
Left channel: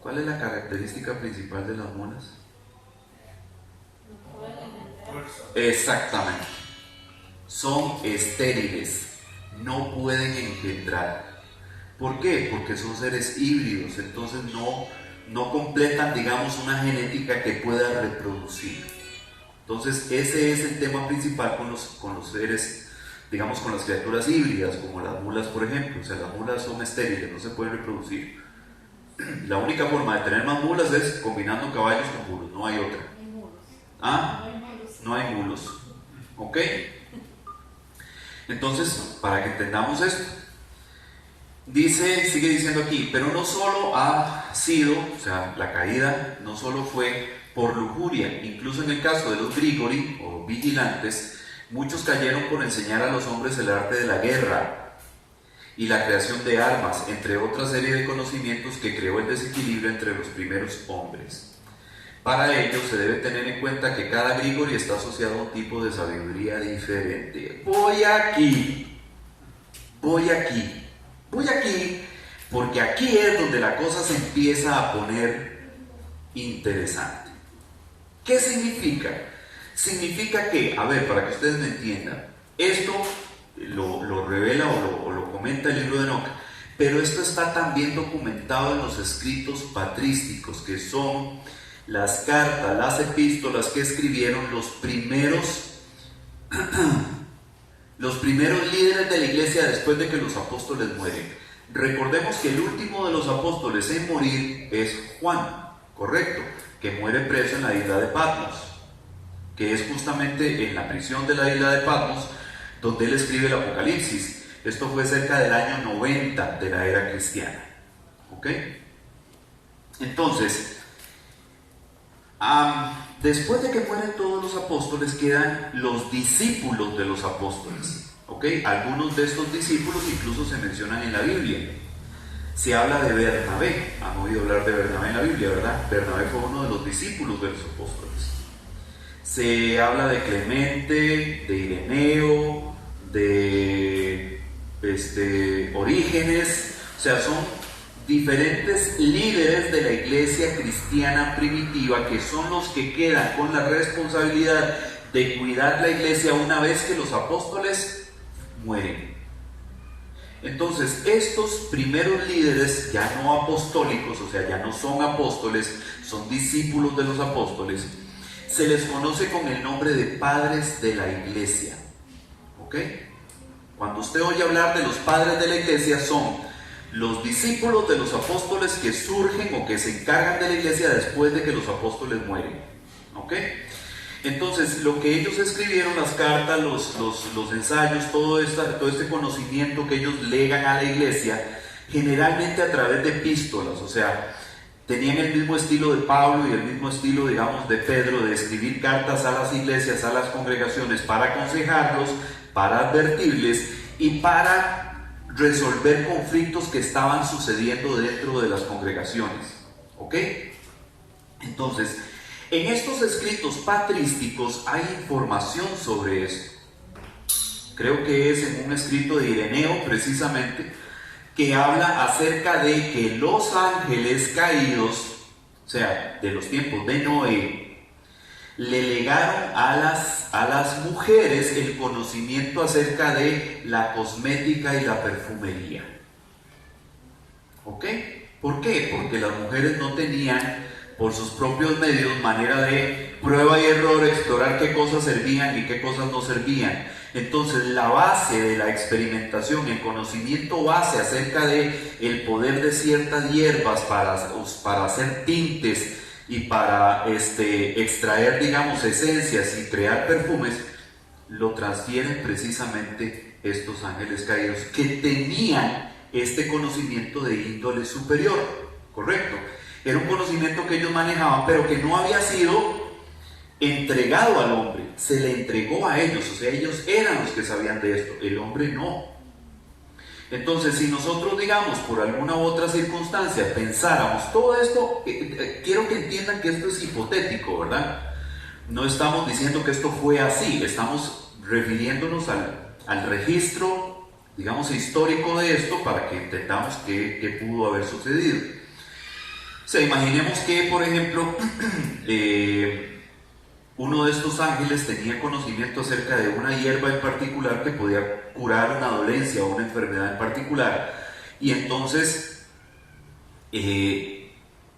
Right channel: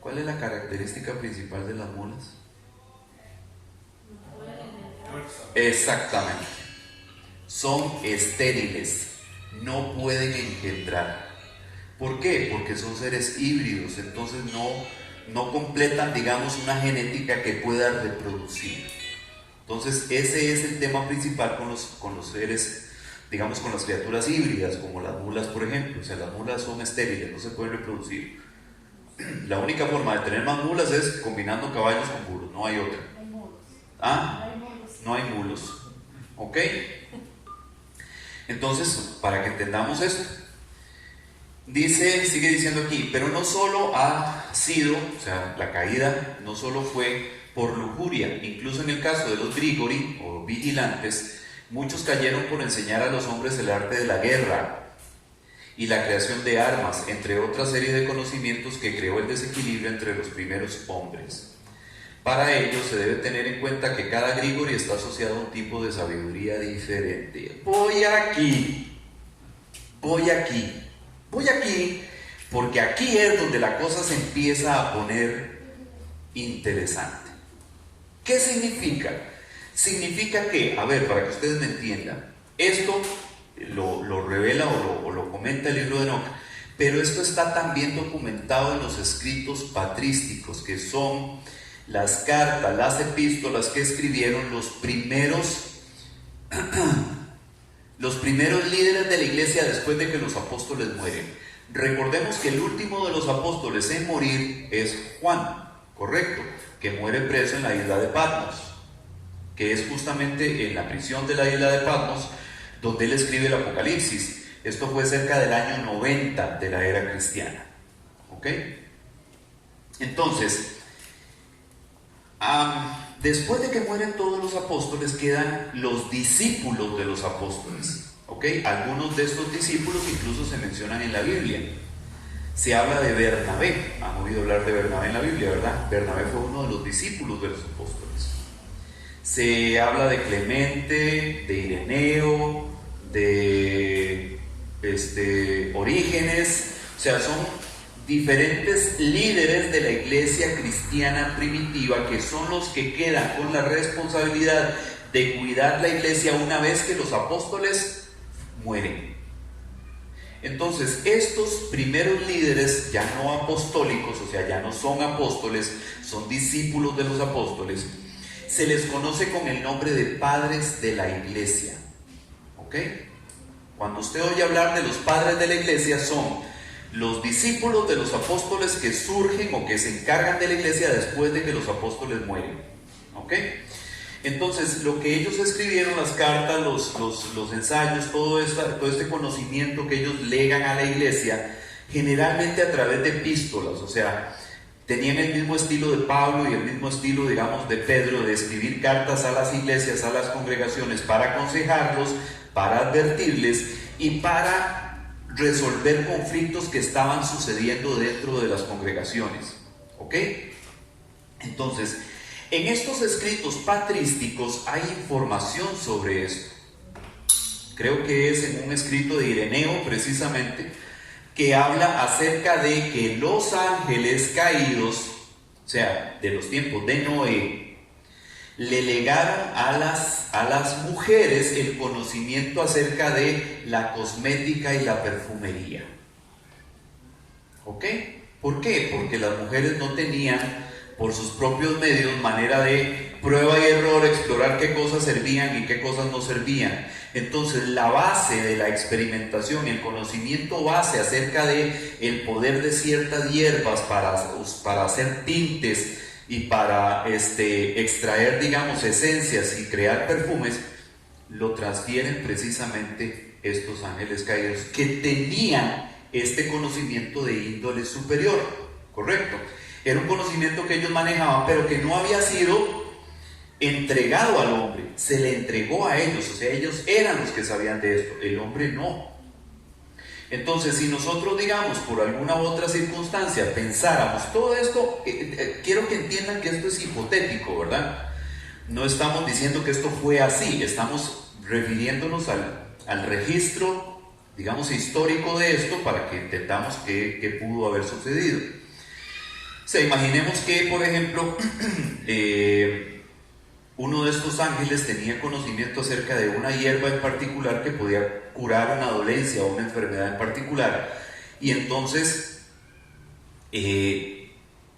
¿Cuál es la característica principal de las mulas? Exactamente. Son estériles. No pueden engendrar. ¿Por qué? Porque son seres híbridos, entonces no completan, digamos, una genética que pueda reproducir. Entonces ese es el tema principal con los seres, digamos, con las criaturas híbridas, como las mulas, por ejemplo. O sea, las mulas son estériles, no se pueden reproducir. La única forma de tener más mulas es combinando caballos con burros, no hay otra. ¿Ah? No hay mulos. ¿Ok? Entonces, para que entendamos esto, Dice, sigue diciendo aquí, pero no solo ha sido, o sea, la caída no solo fue por lujuria, incluso en el caso de los grigori o vigilantes, muchos cayeron por enseñar a los hombres el arte de la guerra y la creación de armas, entre otra serie de conocimientos que creó el desequilibrio entre los primeros hombres. Para ello se debe tener en cuenta que cada grigori está asociado a un tipo de sabiduría diferente. Voy aquí, porque aquí es donde la cosa se empieza a poner interesante. ¿Qué significa? Significa que, a ver, para que ustedes me entiendan, esto lo revela o lo comenta el libro de Enoc, pero esto está también documentado en los escritos patrísticos, que son las cartas, las epístolas que escribieron los primeros líderes de la iglesia después de que los apóstoles mueren. Recordemos que el último de los apóstoles en morir es Juan, correcto, que muere preso en la isla de Patmos, que es justamente en la prisión de la isla de Patmos donde él escribe el Apocalipsis. Esto fue cerca del año 90 de la era cristiana. ¿Ok? Entonces, después de que mueren todos los apóstoles, quedan los discípulos de los apóstoles. ¿Ok? Algunos de estos discípulos incluso se mencionan en la Biblia. Se habla de Bernabé. Han oído hablar de Bernabé en la Biblia, ¿verdad? Bernabé fue uno de los discípulos de los apóstoles. Se habla de Clemente, de Ireneo, de Orígenes. O sea, son diferentes líderes de la iglesia cristiana primitiva que son los que quedan con la responsabilidad de cuidar la iglesia una vez que los apóstoles mueren. Entonces, estos primeros líderes ya no apostólicos, o sea, ya no son apóstoles, son discípulos de los apóstoles, se les conoce con el nombre de padres de la iglesia. ¿Ok? Cuando usted oye hablar de los padres de la iglesia, son los discípulos de los apóstoles que surgen o que se encargan de la iglesia después de que los apóstoles mueren. ¿Ok? Entonces, lo que ellos escribieron, las cartas, los ensayos, todo este conocimiento que ellos legan a la iglesia, generalmente a través de epístolas, o sea, tenían el mismo estilo de Pablo y el mismo estilo, digamos, de Pedro, de escribir cartas a las iglesias, a las congregaciones, para aconsejarlos, para advertirles y para resolver conflictos que estaban sucediendo dentro de las congregaciones. ¿Ok? Entonces, en estos escritos patrísticos hay información sobre esto. Creo que es en un escrito de Ireneo, precisamente, que habla acerca de que los ángeles caídos, o sea, de los tiempos de Noé, le legaron a las mujeres el conocimiento acerca de la cosmética y la perfumería. ¿Ok? ¿Por qué? Porque las mujeres no tenían por sus propios medios manera de prueba y error, explorar qué cosas servían y qué cosas no servían. Entonces, la base de la experimentación, el conocimiento base acerca de el poder de ciertas hierbas para hacer tintes y para extraer, digamos, esencias y crear perfumes, lo transfieren precisamente estos ángeles caídos que tenían este conocimiento de índole superior, ¿correcto? Era un conocimiento que ellos manejaban, pero que no había sido entregado al hombre, se le entregó a ellos, o sea, ellos eran los que sabían de esto, el hombre no. Entonces, si nosotros, digamos, por alguna u otra circunstancia pensáramos todo esto, quiero que entiendan que esto es hipotético, ¿verdad? No estamos diciendo que esto fue así, estamos refiriéndonos al registro, digamos, histórico de esto para que entendamos qué pudo haber sucedido. O sea, imaginemos que, por ejemplo, uno de estos ángeles tenía conocimiento acerca de una hierba en particular que podía curar una dolencia o una enfermedad en particular, y entonces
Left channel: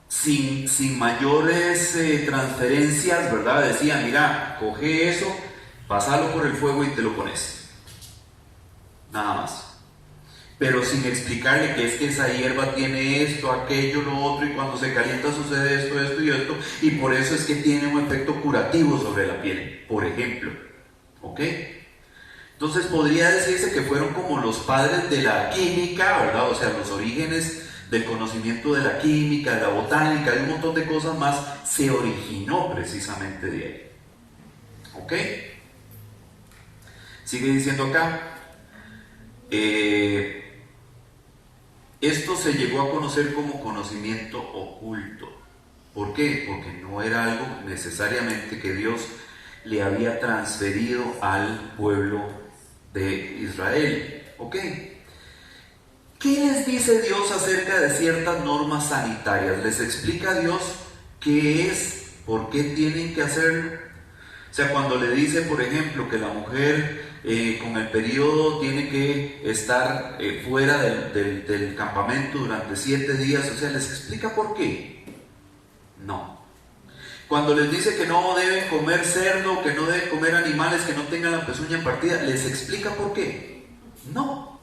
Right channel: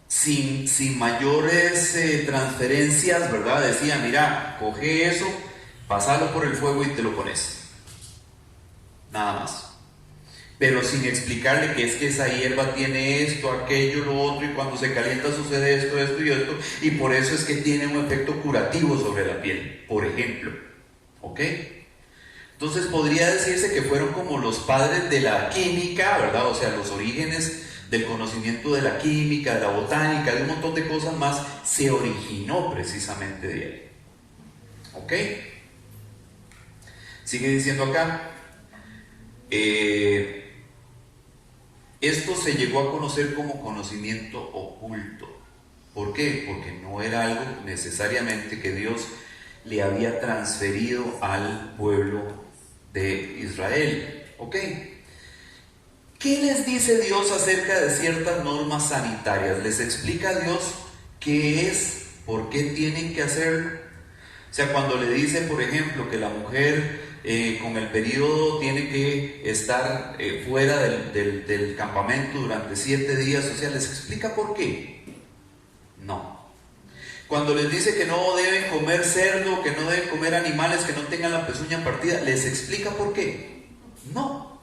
sin mayores transferencias, ¿verdad? Decía, mira, coge eso, pásalo por el fuego y te lo pones, nada más, pero sin explicarle que es que esa hierba tiene esto, aquello, lo otro, y cuando se calienta sucede esto, esto y esto, y por eso es que tiene un efecto curativo sobre la piel, por ejemplo. ¿Ok? Entonces podría decirse que fueron como los padres de la química, ¿verdad? O sea, los orígenes del conocimiento de la química, de la botánica, de un montón de cosas más, se originó precisamente de ahí. ¿Ok? Sigue diciendo acá, esto se llegó a conocer como conocimiento oculto. ¿Por qué? Porque no era algo necesariamente que Dios le había transferido al pueblo de Israel. ¿Ok? ¿Qué les dice Dios acerca de ciertas normas sanitarias? ¿Les explica Dios qué es? ¿Por qué tienen que hacerlo? O sea, cuando le dice, por ejemplo, que la mujer con el periodo tiene que estar fuera del campamento durante 7 días, o sea, ¿les explica por qué? No. Cuando les dice que no deben comer cerdo, que no deben comer animales que no tengan la pezuña partida, ¿les explica por qué? No.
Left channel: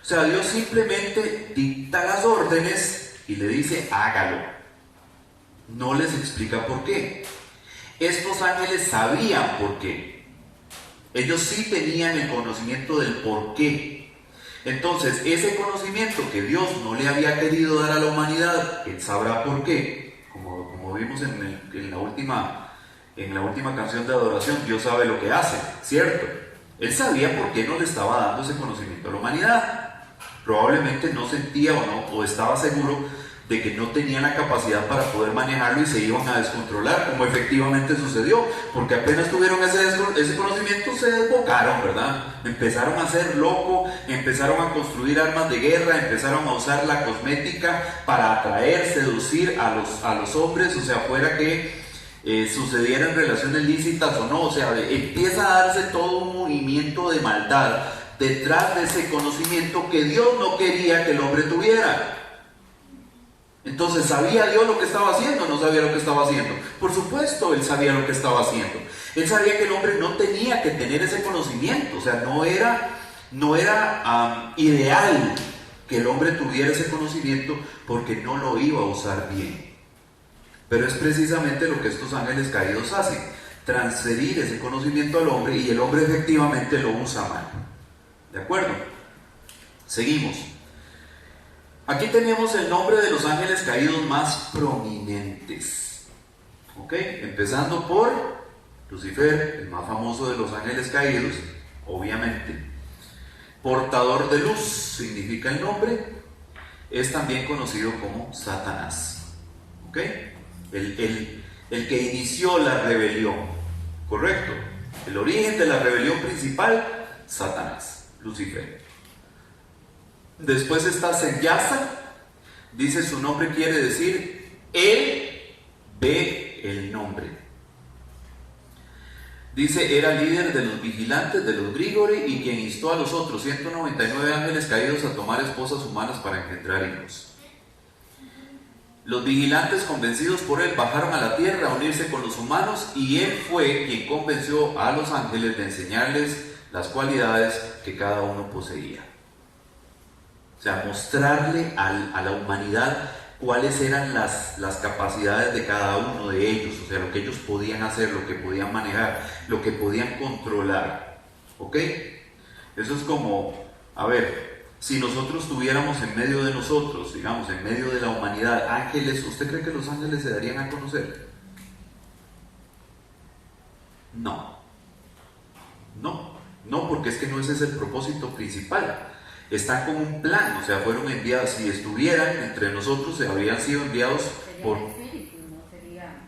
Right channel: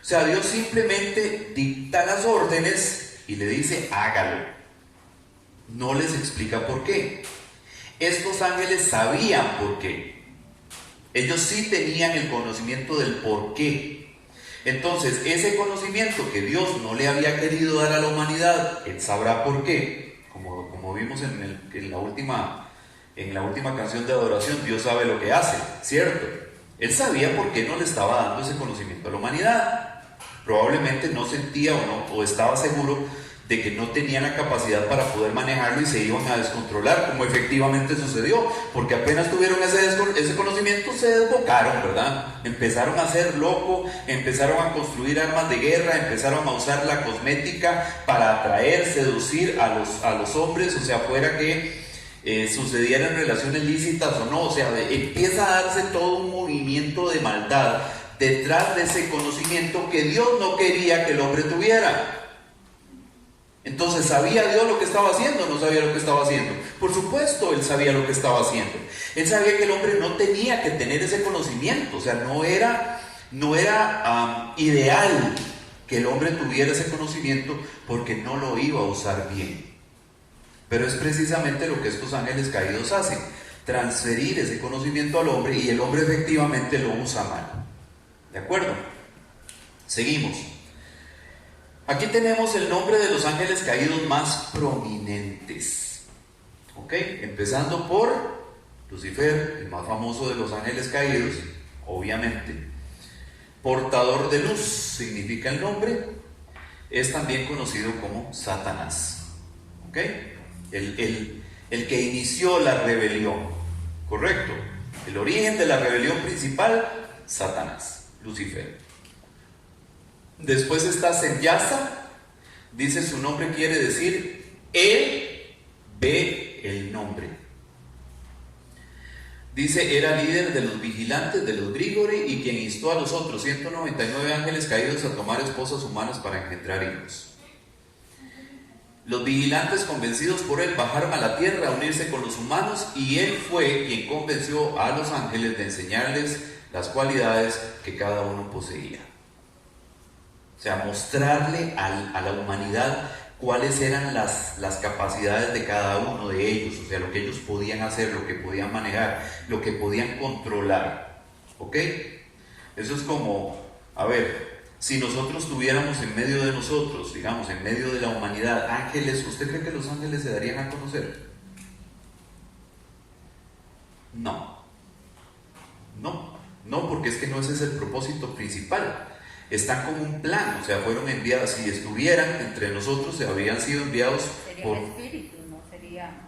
O sea, Dios simplemente dicta las órdenes y le dice, hágalo. No les explica por qué. Estos ángeles sabían por qué. Ellos sí tenían el conocimiento del por qué. Entonces, ese conocimiento que Dios no le había querido dar a la humanidad, Él sabrá por qué. Como vimos en la última canción de adoración, Dios sabe lo que hace, ¿cierto? Él sabía por qué no le estaba dando ese conocimiento a la humanidad. Probablemente no sentía o estaba seguro de que no tenían la capacidad para poder manejarlo y se iban a descontrolar, como efectivamente sucedió, porque apenas tuvieron ese conocimiento se desbocaron, ¿verdad? Empezaron a ser locos, empezaron a construir armas de guerra, empezaron a usar la cosmética para atraer, seducir a los hombres, o sea, fuera que sucedieran relaciones lícitas o no, o sea, empieza a darse todo un movimiento de maldad detrás de ese conocimiento que Dios no quería que el hombre tuviera. Entonces, ¿sabía Dios lo que estaba haciendo o no sabía lo que estaba haciendo? Por supuesto, Él sabía lo que estaba haciendo. Él sabía que el hombre no tenía que tener ese conocimiento, o sea, no era ideal que el hombre tuviera ese conocimiento porque no lo iba a usar bien. Pero es precisamente lo que estos ángeles caídos hacen, transferir ese conocimiento al hombre y el hombre efectivamente lo usa mal. ¿De acuerdo? Seguimos. Aquí tenemos el nombre de los ángeles caídos más prominentes. ¿Ok? Empezando por Lucifer, el más famoso de los ángeles caídos, obviamente. Portador de luz significa el nombre. Es también conocido como Satanás. ¿Ok? El que inició la rebelión. ¿Correcto? El origen de la rebelión principal, Satanás, Lucifer. Después está Senyasa, dice su nombre quiere decir, él ve el nombre. Dice, era líder de los vigilantes de los Grigori y quien instó a los otros 199 ángeles caídos a tomar esposas humanas para engendrar hijos. Los vigilantes, convencidos por él, bajaron a la tierra a unirse con los humanos y él fue quien convenció a los ángeles de enseñarles las cualidades que cada uno poseía. O sea, mostrarle a la humanidad cuáles eran las capacidades de cada uno de ellos, o sea, lo que ellos podían hacer, lo que podían manejar, lo que podían controlar. ¿Ok? Eso es como, a ver, si nosotros tuviéramos en medio de nosotros, digamos, en medio de la humanidad, ángeles, ¿usted cree que los ángeles se darían a conocer? No, porque es que no ese es el propósito principal. Están con un plan, o sea, fueron enviados. Si estuvieran entre nosotros, se habrían sido enviados por... espíritus, ¿no?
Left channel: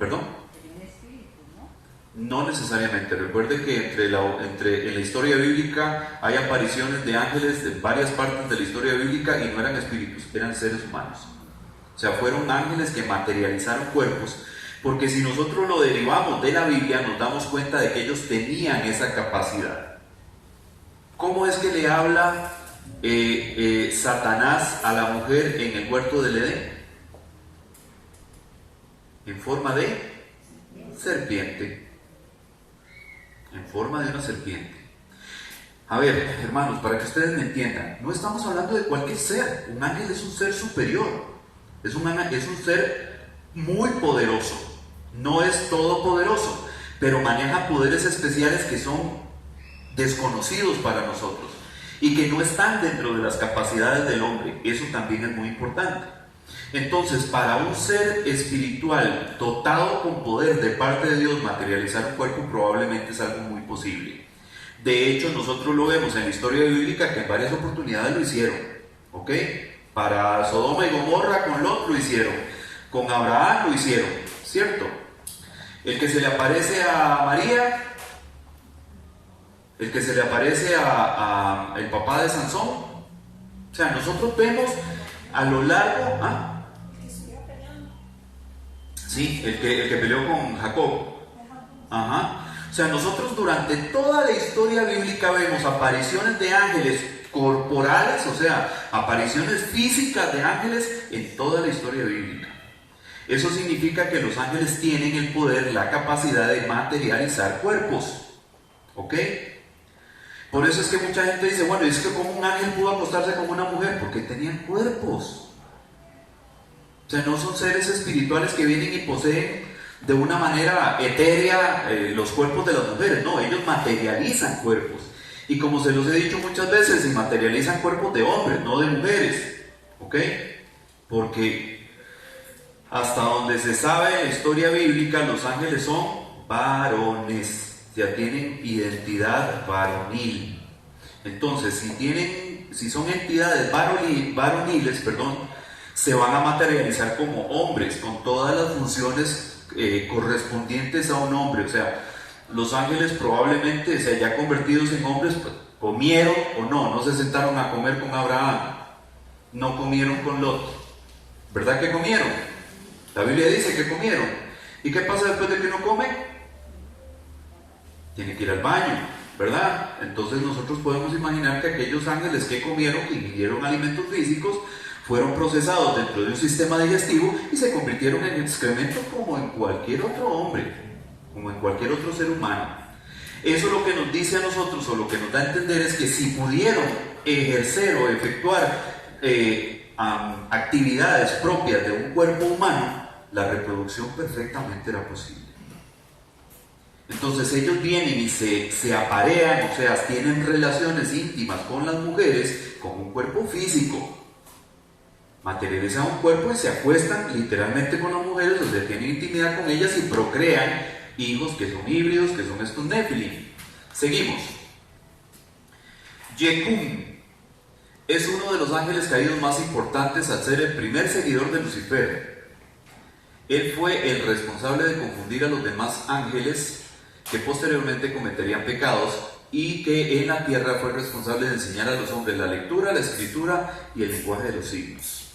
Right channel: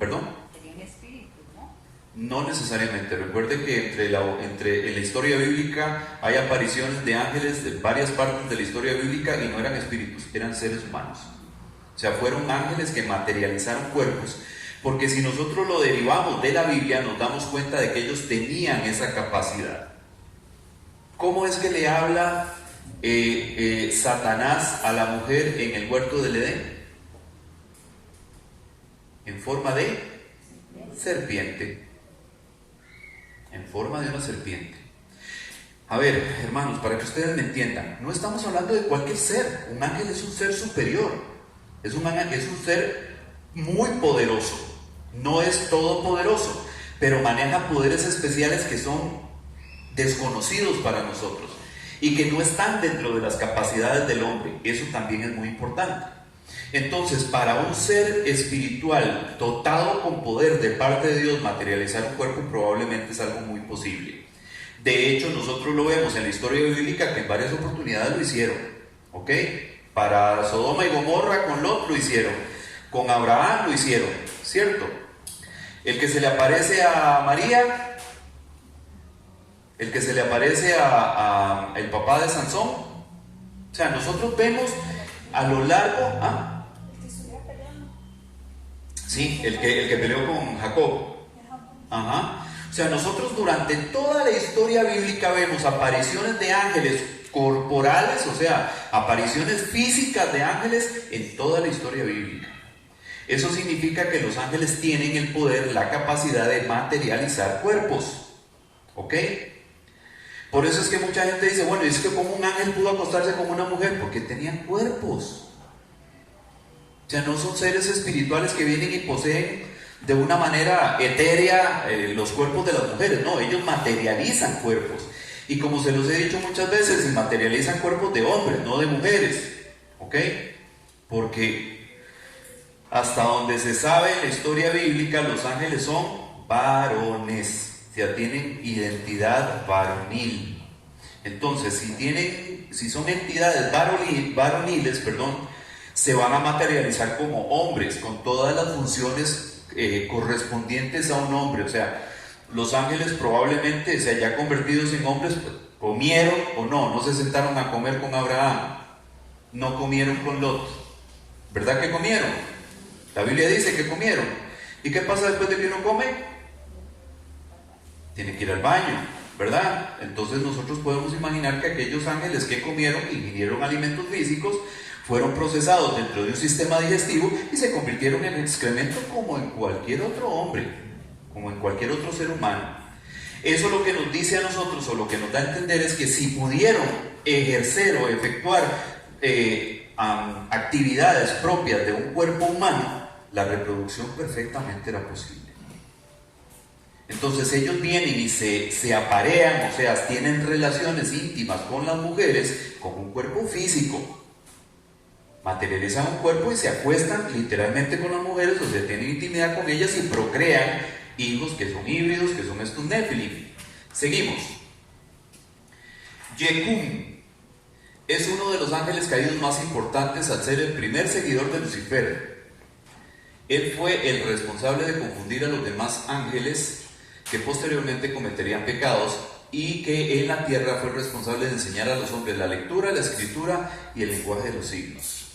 ¿Perdón? Serían espíritus, ¿no? No necesariamente. Recuerden que en la historia bíblica hay apariciones de ángeles de varias partes de la historia bíblica y no eran espíritus, eran seres humanos. O sea, fueron ángeles que materializaron cuerpos. Porque si nosotros lo derivamos de la Biblia, nos damos cuenta de que ellos tenían esa capacidad. ¿Cómo es que le habla Satanás a la mujer en el huerto del Edén? En forma de serpiente. En forma de una serpiente. A ver, hermanos, para que ustedes me entiendan, no estamos hablando de cualquier ser. Un ángel es un ser superior. Es un ser muy poderoso. No es todopoderoso, pero maneja poderes especiales que son desconocidos para nosotros y que no están dentro de las capacidades del hombre. Eso también es muy importante. Entonces, para un ser espiritual dotado con poder de parte de Dios, materializar un cuerpo probablemente es algo muy posible. De hecho, nosotros lo vemos en la historia bíblica que en varias oportunidades lo hicieron, ¿ok? Para Sodoma y Gomorra con Lot lo hicieron, con Abraham lo hicieron, ¿cierto? El que se le aparece a María, el que se le aparece a el papá de Sansón. O sea, nosotros vemos a lo largo... Sí, el que peleó con Jacob. Ajá. O sea, nosotros durante toda la historia bíblica vemos apariciones de ángeles corporales, o sea, apariciones físicas de ángeles en toda la historia bíblica. Eso significa que los ángeles tienen el poder, la capacidad de materializar cuerpos. ¿Ok? Por eso es que mucha gente dice, bueno, es que como un ángel pudo acostarse con una mujer, porque tenían cuerpos. O sea, no son seres espirituales que vienen y poseen de una manera etérea los cuerpos de las mujeres. No, ellos materializan cuerpos. Y como se los he dicho muchas veces, materializan cuerpos de hombres, no de mujeres. ¿Ok? Porque hasta donde se sabe en la historia bíblica, los ángeles son varones. O sea, tienen identidad varonil. Entonces, si son entidades varoniles, se van a materializar como hombres, con todas las funciones correspondientes a un hombre. O sea, los ángeles probablemente, ya convertidos en hombres, pues, comieron o no se sentaron a comer con Abraham, no comieron con Lot. ¿Verdad que comieron? La Biblia dice que comieron. ¿Y qué pasa después de que uno come? Tiene que ir al baño, ¿verdad? Entonces nosotros podemos imaginar que aquellos ángeles que comieron y ingirieron alimentos físicos fueron procesados dentro de un sistema digestivo y se convirtieron en excremento como en cualquier otro hombre, como en cualquier otro ser humano. Eso lo que nos dice a nosotros, o lo que nos da a entender, es que si pudieron ejercer o efectuar actividades propias de un cuerpo humano, la reproducción perfectamente era posible. Entonces ellos vienen y se aparean, o sea, tienen relaciones íntimas con las mujeres con un cuerpo físico. Materializan un cuerpo y se acuestan literalmente con las mujeres, o sea, tienen intimidad con ellas y procrean hijos que son híbridos, que son estos Nefilim. Seguimos. Yecum es uno de los ángeles caídos más importantes al ser el primer seguidor de Lucifer. Él fue el responsable de confundir a los demás ángeles que posteriormente cometerían pecados, y que en la tierra fue el responsable de enseñar a los hombres la lectura, la escritura y el lenguaje de los signos.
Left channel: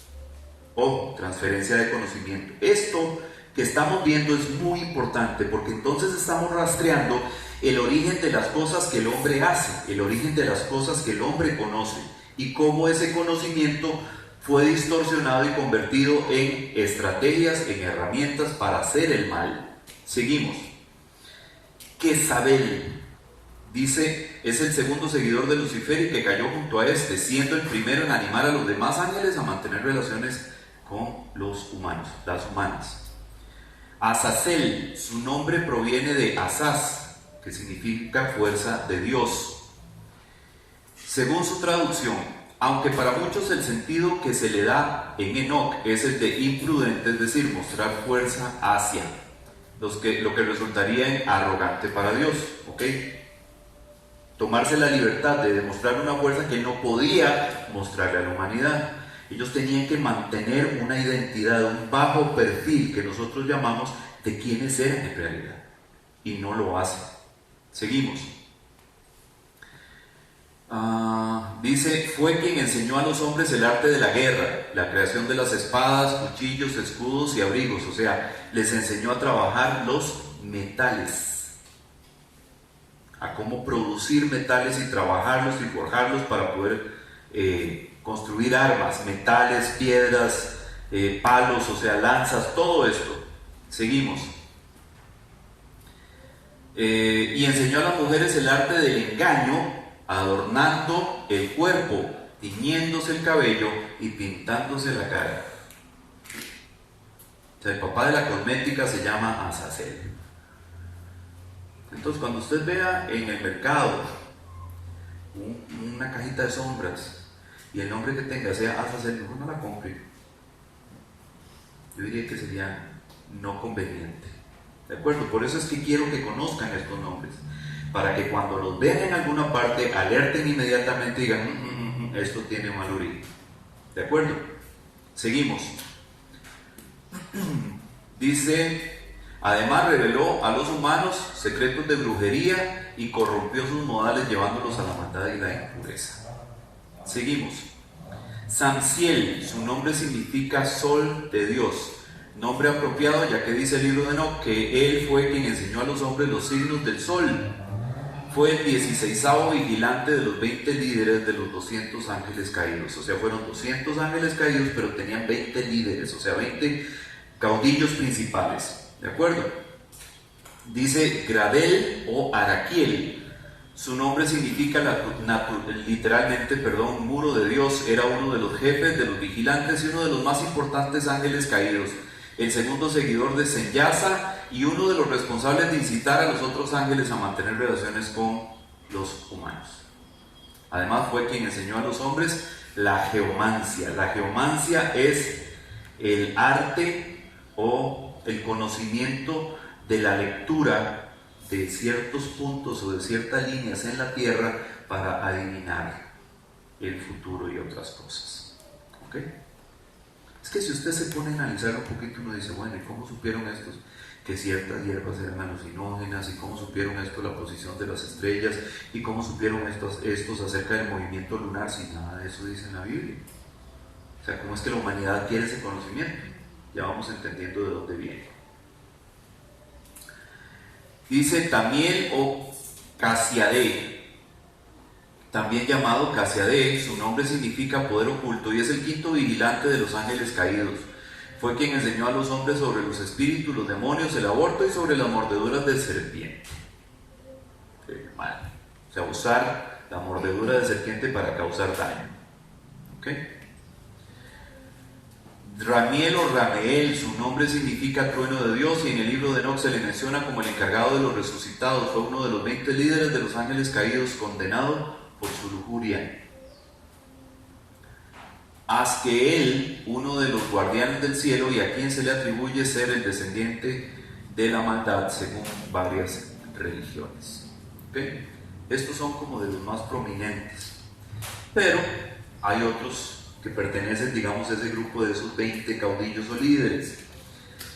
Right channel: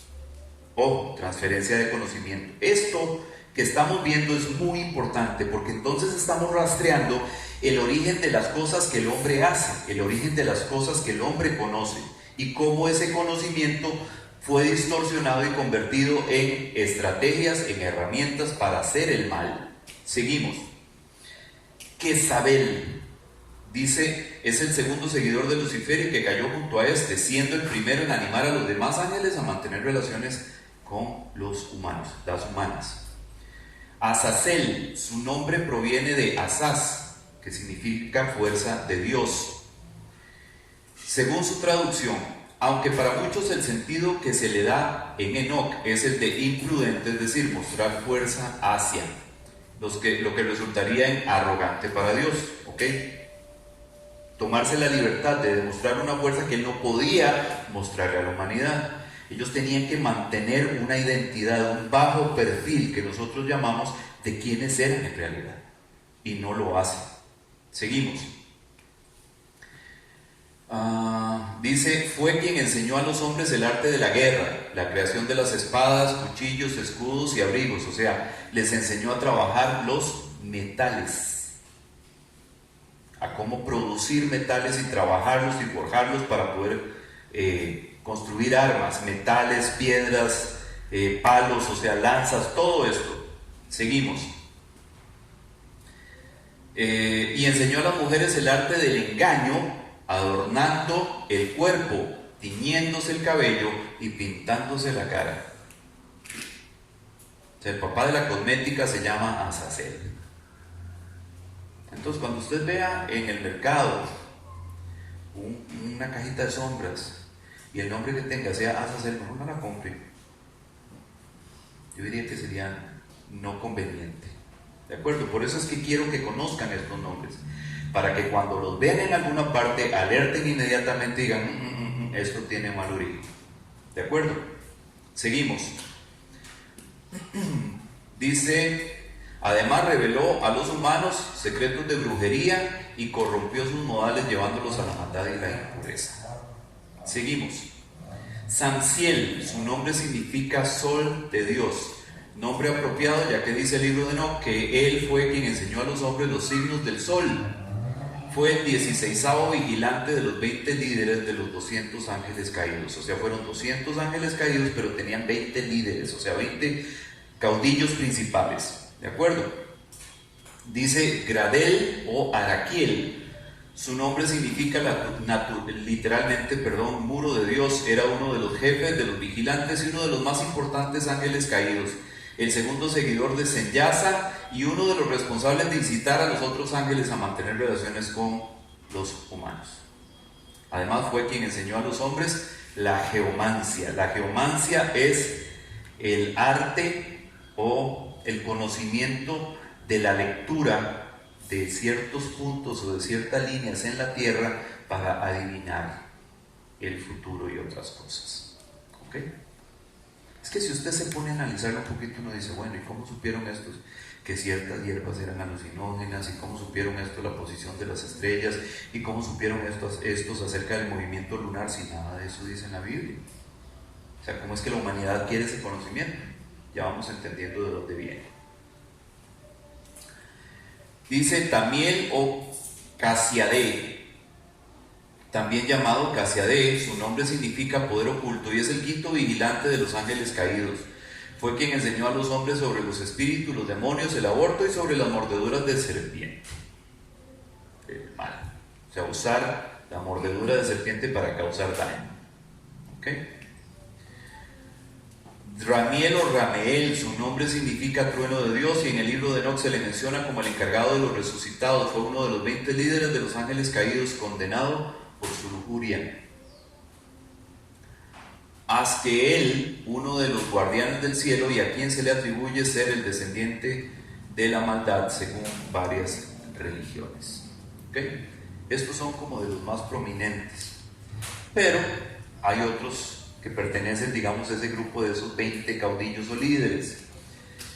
Ojo, transferencia de conocimiento. Esto que estamos viendo es muy importante, porque entonces estamos rastreando el origen de las cosas que el hombre hace, el origen de las cosas que el hombre conoce, y cómo ese conocimiento fue distorsionado y convertido en estrategias, en herramientas para hacer el mal. Seguimos. Jezabel, dice, es el segundo seguidor de Lucifer y que cayó junto a este, siendo el primero en animar a los demás ángeles a mantener relaciones con los humanos, las humanas. Azazel, su nombre proviene de Azaz, que significa fuerza de Dios. Según su traducción, aunque para muchos el sentido que se le da en Enoc es el de imprudente, es decir, mostrar fuerza hacia, lo que resultaría en arrogante para Dios, ¿ok? Tomarse la libertad de demostrar una fuerza que él no podía mostrarle a la humanidad. Ellos tenían que mantener una identidad, un bajo perfil que nosotros llamamos de quiénes eran en realidad, y no lo hacen. Seguimos. Dice, fue quien enseñó a los hombres el arte de la guerra, la creación de las espadas, cuchillos, escudos y abrigos. O sea, les enseñó a trabajar los metales, a cómo producir metales y trabajarlos y forjarlos para poder construir armas, metales, piedras, palos, o sea, lanzas, todo esto. Seguimos. Y enseñó a las mujeres el arte del engaño, adornando el cuerpo, tiñéndose el cabello y pintándose la cara. O sea, el papá de la cosmética se llama Azazel. Entonces, cuando usted vea en el mercado una cajita de sombras y el nombre que tenga sea Azazel, no la compre. Yo diría que sería no conveniente. ¿De acuerdo? Por eso es que quiero que conozcan estos nombres, para que cuando los vean en alguna parte alerten inmediatamente y digan, esto tiene mal origen. ¿De acuerdo? Seguimos. Dice, además reveló a los humanos secretos de brujería y corrompió sus modales llevándolos a la maldad y la impureza. Seguimos. Samsiel, su nombre significa sol de Dios. Nombre apropiado, ya que dice el libro de Enoc que él fue quien enseñó a los hombres los signos del sol. Fue el 16º vigilante de los 20 líderes de los 200 ángeles caídos. O sea, fueron 200 ángeles caídos, pero tenían 20 líderes, o sea, 20 caudillos principales. ¿De acuerdo? Dice Gradel o Araquiel. Su nombre significa literalmente, muro de Dios. Era uno de los jefes de los vigilantes y uno de los más importantes ángeles caídos. El segundo seguidor de Senyasa y uno de los responsables de incitar a los otros ángeles a mantener relaciones con los humanos. Además fue quien enseñó a los hombres la geomancia. La geomancia es el arte o el conocimiento de la lectura de ciertos puntos o de ciertas líneas en la tierra para adivinar el futuro y otras cosas. ¿Ok? Es que si usted se pone a analizarlo un poquito, uno dice, bueno, ¿y cómo supieron estos que ciertas hierbas eran alucinógenas? ¿Y cómo supieron esto la posición de las estrellas? ¿Y cómo supieron estos acerca del movimiento lunar si nada de eso dice en la Biblia? O sea, ¿cómo es que la humanidad quiere ese conocimiento? Ya vamos entendiendo de dónde viene. Dice Tamiel o Casiadé, también llamado Casiadé. Su nombre significa poder oculto y es el quinto vigilante de los ángeles caídos. Fue quien enseñó a los hombres sobre los espíritus, los demonios, el aborto y sobre las mordeduras de serpiente. El mal. O sea, usar la mordedura de serpiente para causar daño. ¿Ok? Ramiel o Rameel, su nombre significa trueno de Dios y en el libro de Enoc se le menciona como el encargado de los resucitados. Fue uno de los 20 líderes de los ángeles caídos, condenado por su lujuria. Azkeel, uno de los guardianes del cielo y a quien se le atribuye ser el descendiente de la maldad según varias religiones. ¿Okay? Estos son como de los más prominentes, pero hay otros que pertenecen, digamos, a ese grupo de esos 20 caudillos o líderes.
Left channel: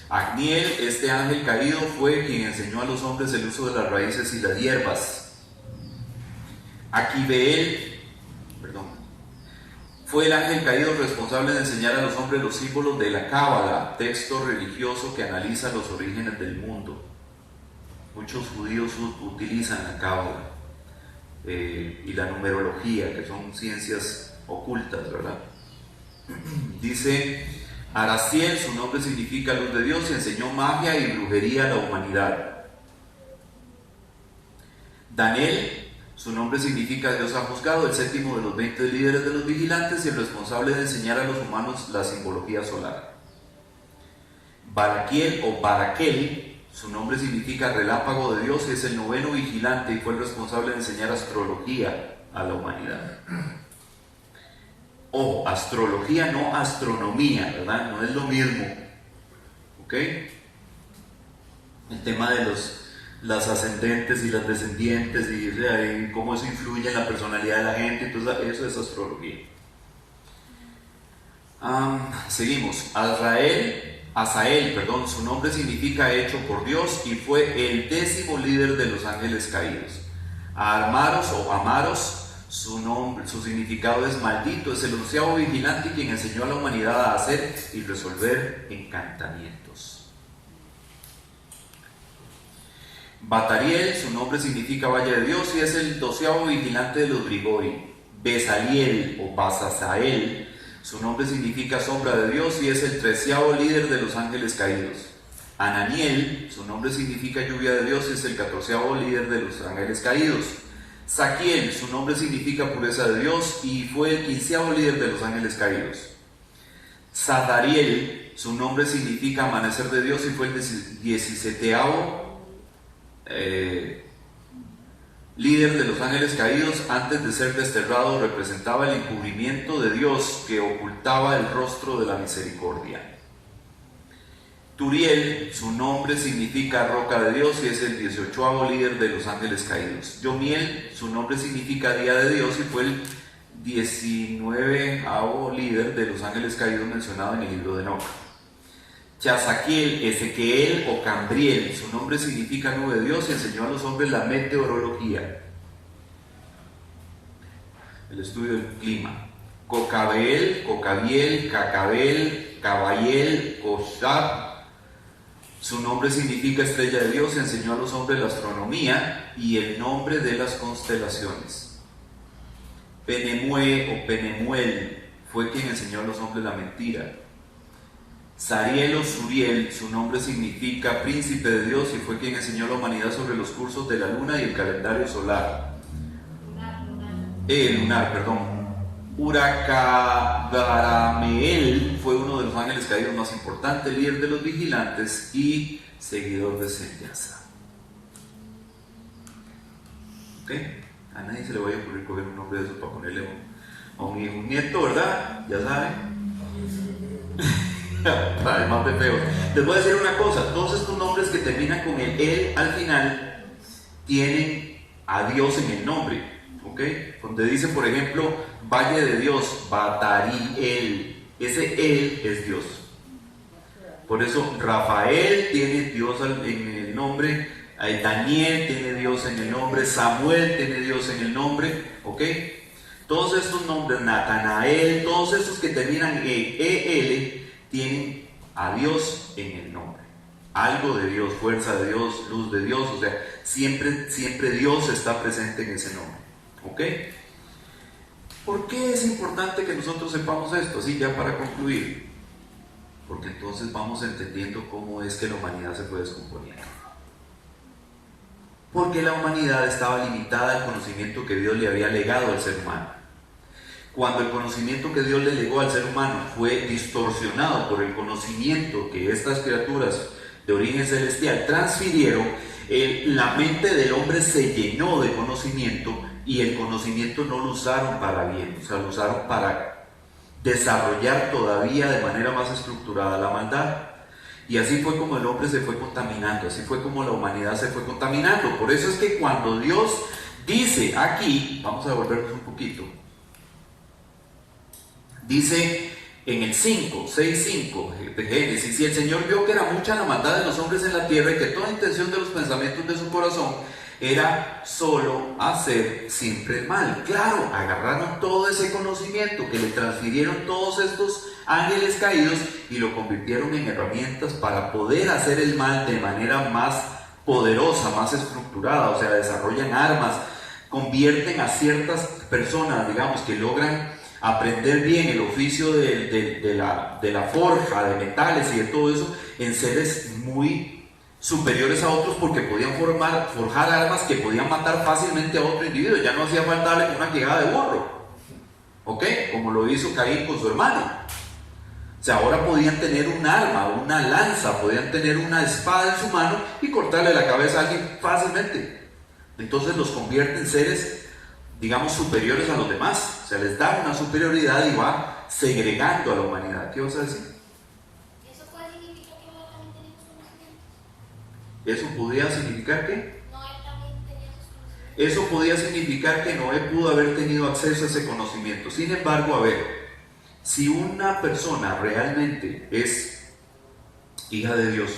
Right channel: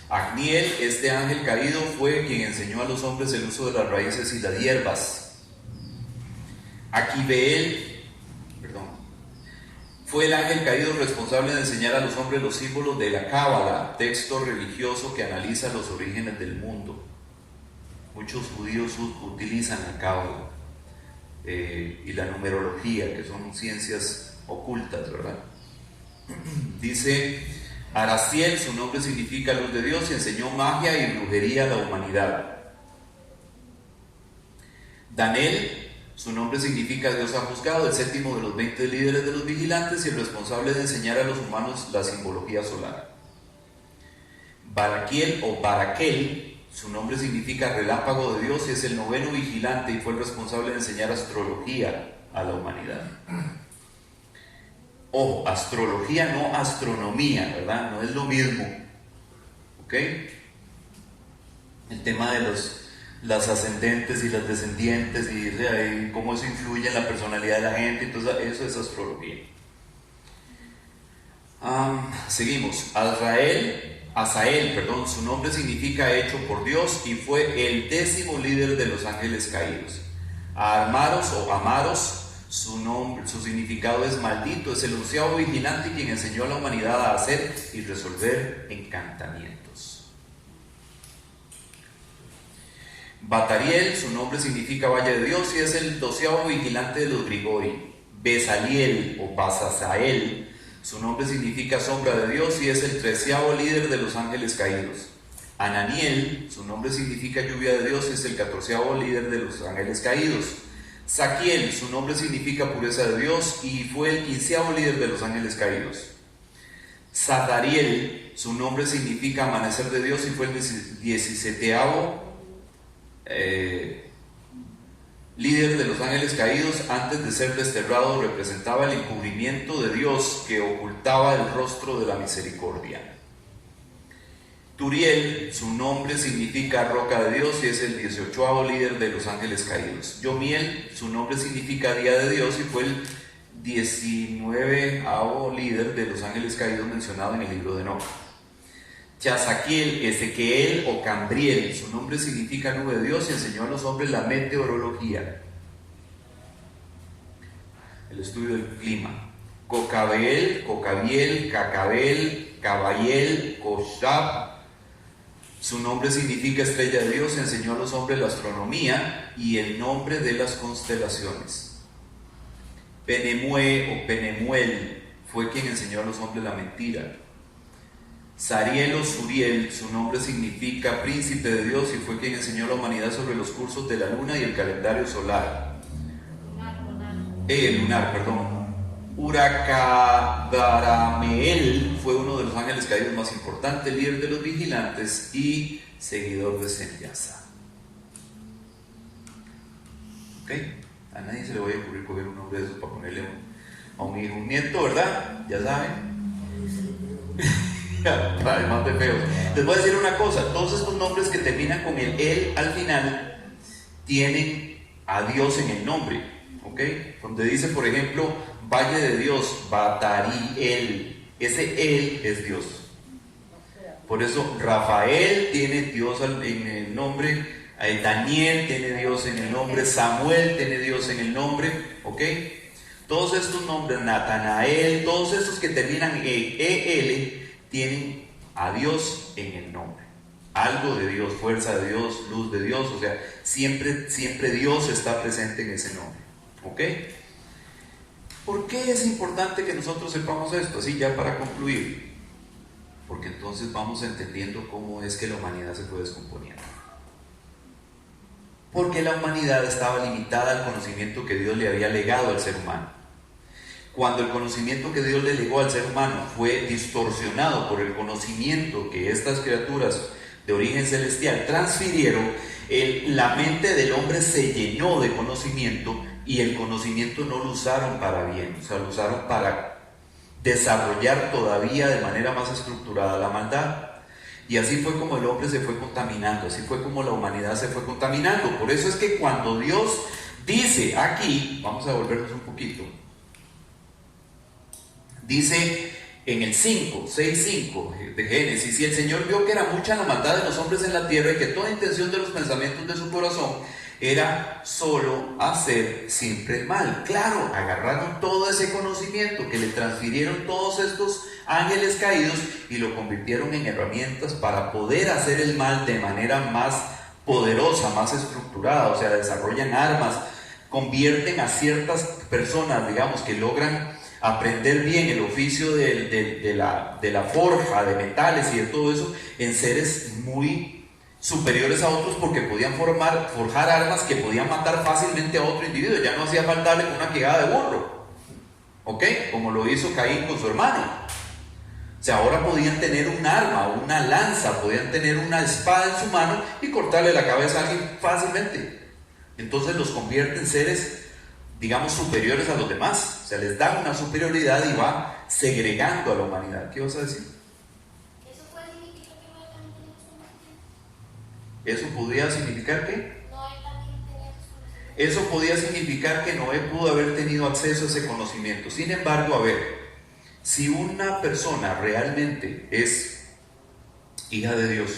Agniel, este ángel caído, fue quien enseñó a los hombres el uso de las raíces y las hierbas. Aquibeel, fue el ángel caído responsable de enseñar a los hombres los símbolos de la Cábala, texto religioso que analiza los orígenes del mundo. Muchos judíos utilizan la Cábala y la numerología, que son ciencias ocultas, ¿verdad? Dice Araciel, su nombre significa luz de Dios y enseñó magia y brujería a la humanidad. Daniel, su nombre significa Dios ha juzgado, el séptimo de los 20 líderes de los vigilantes y el responsable de enseñar a los humanos la simbología solar. Baraquiel o Baraquel, su nombre significa relámpago de Dios y es el noveno vigilante y fue el responsable de enseñar astrología a la humanidad. Ojo, astrología, no astronomía, ¿verdad? No es lo mismo. ¿Ok? El tema de las ascendentes y las descendientes y cómo eso influye en la personalidad de la gente, entonces eso es astrología. Seguimos. Azael, su nombre significa hecho por Dios y fue el 10º líder de los ángeles caídos. Amaros o Amaros, su significado es maldito, es el 11º vigilante quien enseñó a la humanidad a hacer y resolver encantamientos. Batariel, su nombre significa Valle de Dios y es el 12º vigilante de los Grigori. Besaliel o Basasael, su nombre significa sombra de Dios y es el 13º líder de los ángeles caídos. Ananiel, su nombre significa lluvia de Dios y es el 14º líder de los ángeles caídos. Saquiel, su nombre significa pureza de Dios y fue el 15º líder de los ángeles caídos. Zadariel, su nombre significa amanecer de Dios y fue el 17º líder de los ángeles caídos, antes de ser desterrado, representaba el encubrimiento de Dios que ocultaba el rostro de la misericordia. Turiel, su nombre significa roca de Dios y es el 18º líder de los ángeles caídos. Yomiel, su nombre significa día de Dios y fue el 19º líder de los ángeles caídos mencionado en el libro de Enoc. Chazaquiel, Ezequiel o Cambriel, su nombre significa nube de Dios y enseñó a los hombres la meteorología, el estudio del clima. Cocabel, Cacabel, Cabaiel, Coshab, su nombre significa estrella de Dios, enseñó a los hombres la astronomía y el nombre de las constelaciones. Penemue o Penemuel fue quien enseñó a los hombres la mentira. Sariel o Suriel, su nombre significa príncipe de Dios y fue quien enseñó a la humanidad sobre los cursos de la luna y el calendario solar. Lunar, perdón. Urakabarameel fue uno de los ángeles caídos más importantes, líder de los vigilantes y seguidor de Senyasa. ¿Ok? A nadie se le vaya a ocurrir coger un nombre de esos para ponerle a un hijo, un nieto, ¿verdad? Ya saben. Además de feos. Les voy a decir una cosa, todos estos nombres que terminan con el él al final tienen a Dios en el nombre, ¿ok? Donde dice, por ejemplo, Valle de Dios, Batariel, ese él es Dios. Por eso Rafael tiene Dios en el nombre, Daniel tiene Dios en el nombre, Samuel tiene Dios en el nombre, ¿ok? Todos estos nombres, Natanael, todos estos que terminan en EL, tienen a Dios en el nombre. Algo de Dios, fuerza de Dios, luz de Dios, o sea, siempre Dios está presente en ese nombre. ¿Ok? ¿Por qué es importante que nosotros sepamos esto? Así ya para concluir. Porque entonces vamos entendiendo cómo es que la humanidad se fue descomponiendo. Porque la humanidad estaba limitada al conocimiento que Dios le había legado al ser humano. Cuando el conocimiento que Dios le legó al ser humano fue distorsionado por el conocimiento que estas criaturas de origen celestial transfirieron, la mente del hombre se llenó de conocimiento y el conocimiento no lo usaron para bien, o sea, lo usaron para desarrollar todavía de manera más estructurada la maldad. Y así fue como el hombre se fue contaminando, así fue como la humanidad se fue contaminando. Por eso es que cuando Dios dice aquí, vamos a volvernos un poquito, dice en el 6:5 de Génesis, y el Señor vio que era mucha la maldad de los hombres en la tierra y que toda intención de los pensamientos de su corazón era solo hacer siempre el mal. Claro, agarraron todo ese conocimiento que le transfirieron todos estos ángeles caídos y lo convirtieron en herramientas para poder hacer el mal de manera más poderosa, más estructurada, o sea, desarrollan armas, convierten a ciertas personas, digamos, que logran aprender bien el oficio de la forja, de metales y de todo eso, en seres muy superiores a otros, porque podían forjar armas que podían matar fácilmente a otro individuo. Ya no hacía falta darle una quijada de burro, ¿ok? Como lo hizo Caín con su hermano. O sea, ahora podían tener un arma, una lanza, podían tener una espada en su mano y cortarle la cabeza a alguien fácilmente. Entonces los convierte en seres, digamos, superiores a los demás. O sea, les da una superioridad y va segregando a la humanidad. ¿Qué vas a decir? ¿Eso puede significar que Noé también tenía sus conocimientos? ¿Eso podría significar qué? Noé también tenía sus conocimientos. Eso podía significar que Noé pudo haber tenido acceso a ese conocimiento. Sin embargo, a ver, si una persona realmente es hija de Dios,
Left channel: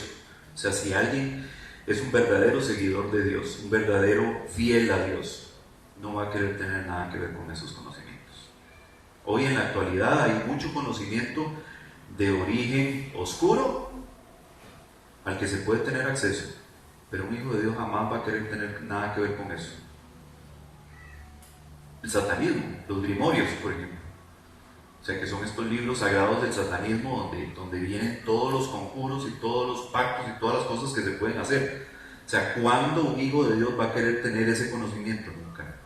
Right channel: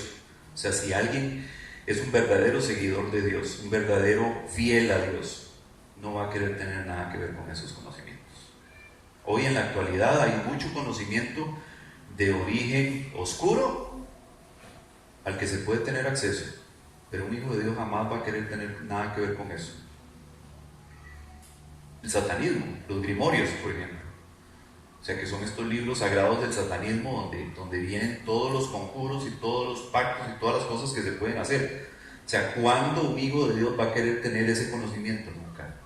o sea, si alguien es un verdadero seguidor de Dios, un verdadero fiel a Dios, no va a querer tener nada que ver con esos conocimientos. Hoy en la actualidad hay mucho conocimiento de origen oscuro al que se puede tener acceso, pero un hijo de Dios jamás va a querer tener nada que ver con eso. El satanismo, los grimorios, por ejemplo, o sea, que son estos libros sagrados del satanismo donde vienen todos los conjuros y todos los pactos y todas las cosas que se pueden hacer. O sea, ¿cuándo un hijo de Dios va a querer tener ese conocimiento? Nunca.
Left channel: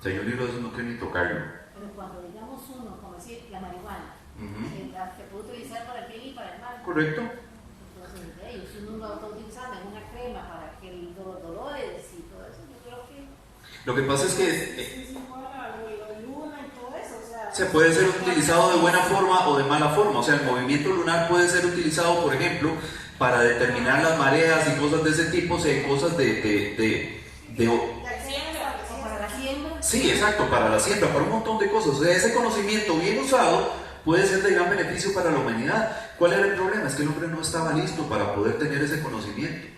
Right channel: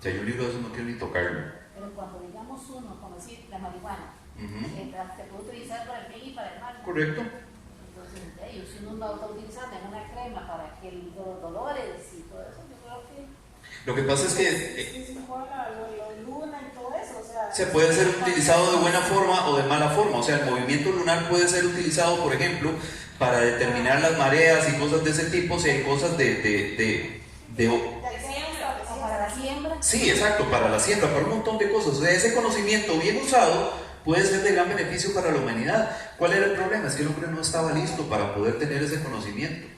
O sea, yo un libro de esos no quiero ni tocarlo. Pero cuando digamos uno, como decir, la marihuana, se puede utilizar para el bien y para el mal. Correcto. Entonces, si uno lo está utilizando en una crema para que los dolores y todo eso, yo creo que Lo que pasa es que Sí, igual a la luna y todo eso, o sea, se puede ser utilizado de buena forma o de mala forma. O sea, el movimiento lunar puede ser utilizado, por ejemplo, para determinar las mareas y cosas de ese tipo, si hay cosas de O para la siembra. sí, exacto, para la siembra, para un montón de cosas. O sea, ese conocimiento bien usado puede ser de gran beneficio para la humanidad. ¿Cuál era el problema? Es que el hombre no estaba listo para poder tener ese conocimiento.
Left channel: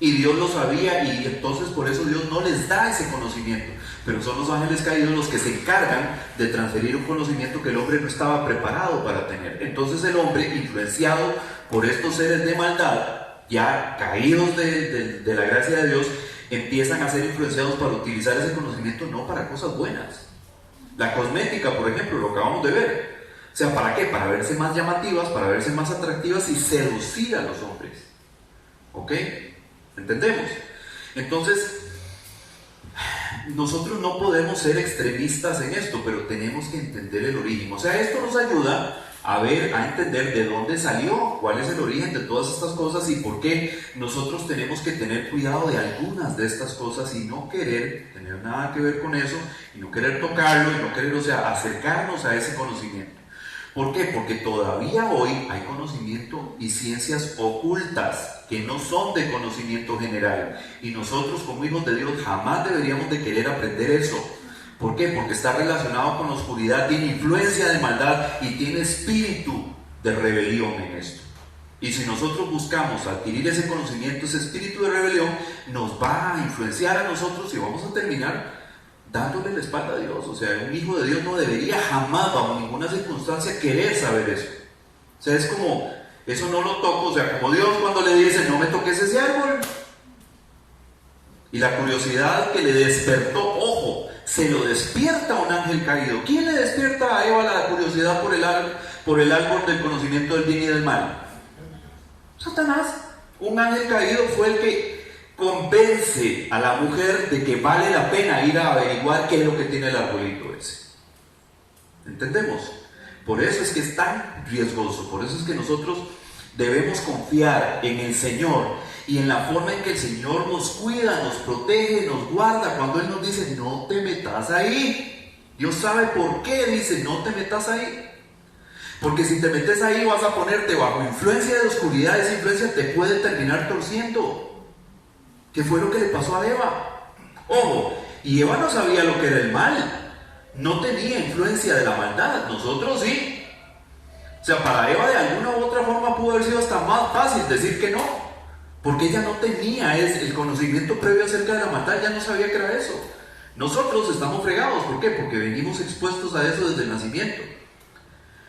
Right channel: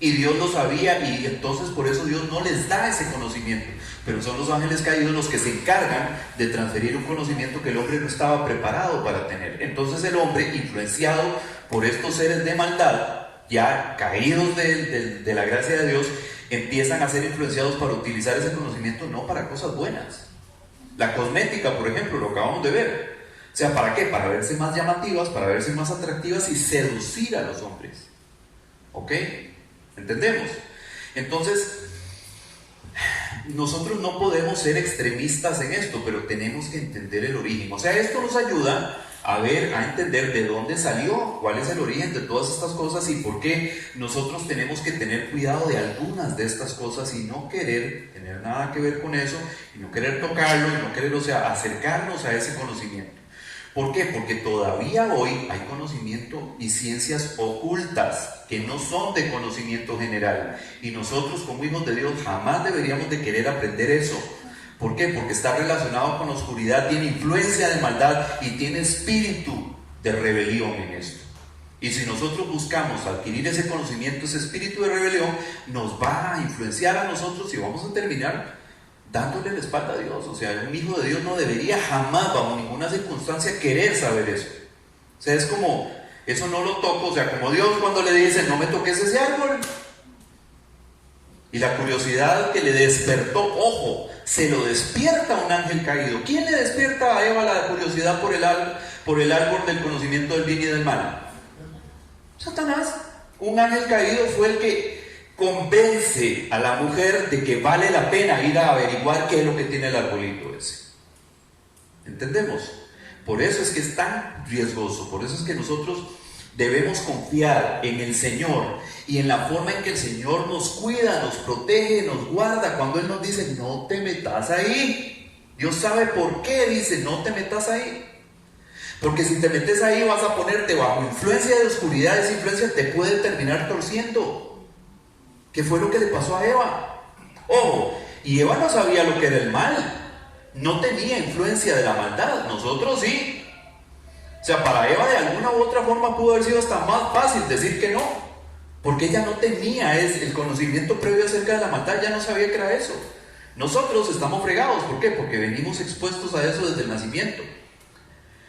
Y Dios lo sabía, y entonces por eso Dios no les da ese conocimiento. Pero son los ángeles caídos los que se encargan de transferir un conocimiento que el hombre no estaba preparado para tener. Entonces el hombre, influenciado por estos seres de maldad, ya caídos de la gracia de Dios, empiezan a ser influenciados para utilizar ese conocimiento no para cosas buenas. La cosmética, por ejemplo, lo acabamos de ver. O sea, ¿para qué? Para verse más llamativas, para verse más atractivas y seducir a los hombres. ¿Ok? ¿Entendemos? Entonces, nosotros no podemos ser extremistas en esto, pero tenemos que entender el origen. O sea, esto nos ayuda a ver, a entender de dónde salió, cuál es el origen de todas estas cosas y por qué nosotros tenemos que tener cuidado de algunas de estas cosas y no querer tener nada que ver con eso, y no querer tocarlo, y no querer, o sea, acercarnos a ese conocimiento. ¿Por qué? Porque todavía hoy hay conocimiento y ciencias ocultas que no son de conocimiento general, y nosotros como hijos de Dios jamás deberíamos de querer aprender eso. ¿Por qué? Porque está relacionado con la oscuridad, tiene influencia de maldad y tiene espíritu de rebelión en esto. Y si nosotros buscamos adquirir ese conocimiento, ese espíritu de rebelión nos va a influenciar a nosotros y vamos a terminar dándole la espalda a Dios. O sea, un hijo de Dios no debería jamás, bajo ninguna circunstancia, querer saber eso. O sea, es como, eso no lo toco. O sea, como Dios cuando le dice, no me toques ese árbol. Y la curiosidad que le despertó, ojo, se lo despierta un ángel caído. ¿Quién le despierta a Eva la curiosidad por el árbol del conocimiento del bien y del mal? Satanás. Un ángel caído fue el que convence a la mujer de que vale la pena ir a averiguar qué es lo que tiene el arbolito ese. ¿Entendemos? Por eso es que es tan riesgoso, por eso es que nosotros debemos confiar en el Señor y en la forma en que el Señor nos cuida, nos protege, nos guarda. Cuando Él nos dice, no te metas ahí, Dios sabe por qué dice, no te metas ahí. Porque si te metes ahí vas a ponerte bajo influencia de oscuridad, esa influencia te puede terminar torciendo. ¿Qué fue lo que le pasó a Eva? Ojo, y Eva no sabía lo que era el mal, no tenía influencia de la maldad, nosotros sí. O sea, para Eva de alguna u otra forma pudo haber sido hasta más fácil decir que no, porque ella no tenía el conocimiento previo acerca de la maldad, ya no sabía que era eso. Nosotros estamos fregados, ¿por qué? Porque venimos expuestos a eso desde el nacimiento.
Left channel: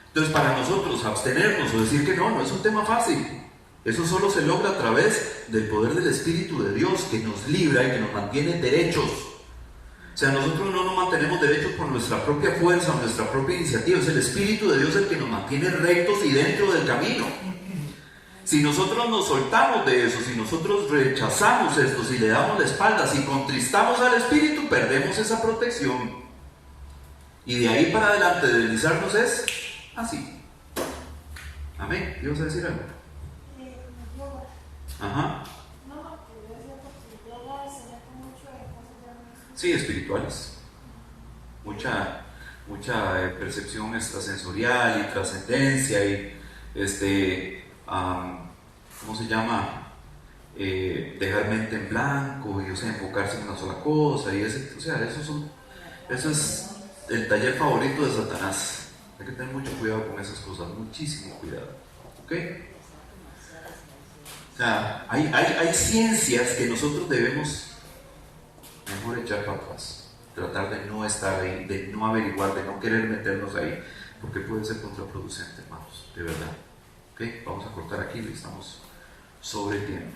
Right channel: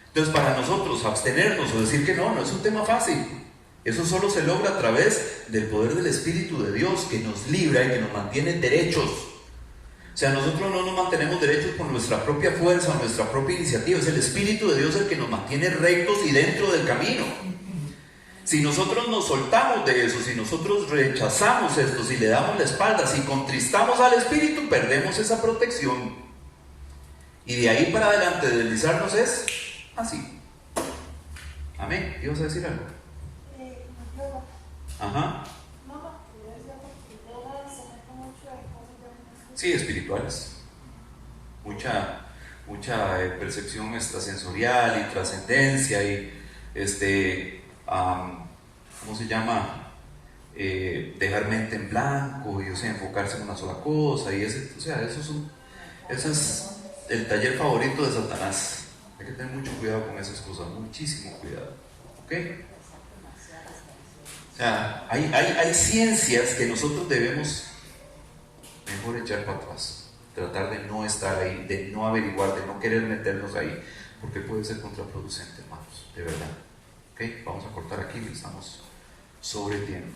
Entonces, para nosotros abstenernos o decir que no es un tema fácil. Eso solo se logra a través del poder del Espíritu de Dios, que nos libra y que nos mantiene derechos. O sea, nosotros no nos mantenemos derechos por nuestra propia fuerza o nuestra propia iniciativa. Es el Espíritu de Dios el que nos mantiene rectos y dentro del camino. Si nosotros nos soltamos de eso, si nosotros rechazamos esto, si le damos la espalda, si contristamos al Espíritu, perdemos esa protección. Y de ahí para adelante deslizarnos es así. Amén. ¿Ibas a decir algo? Ajá. Sí, espirituales. Mucha percepción extrasensorial y trascendencia y ¿cómo se llama? Dejar mente en blanco y, o sea, enfocarse en una sola cosa y eso es el taller favorito de Satanás. Hay que tener mucho cuidado con esas cosas, muchísimo cuidado. ¿Ok? O sea, hay ciencias que nosotros debemos mejor echar para atrás, tratar de no estar ahí, de no averiguar, de no querer meternos ahí, porque puede ser contraproducente, hermanos, de verdad. ¿Ok? Vamos a cortar aquí, estamos sobre tiempo.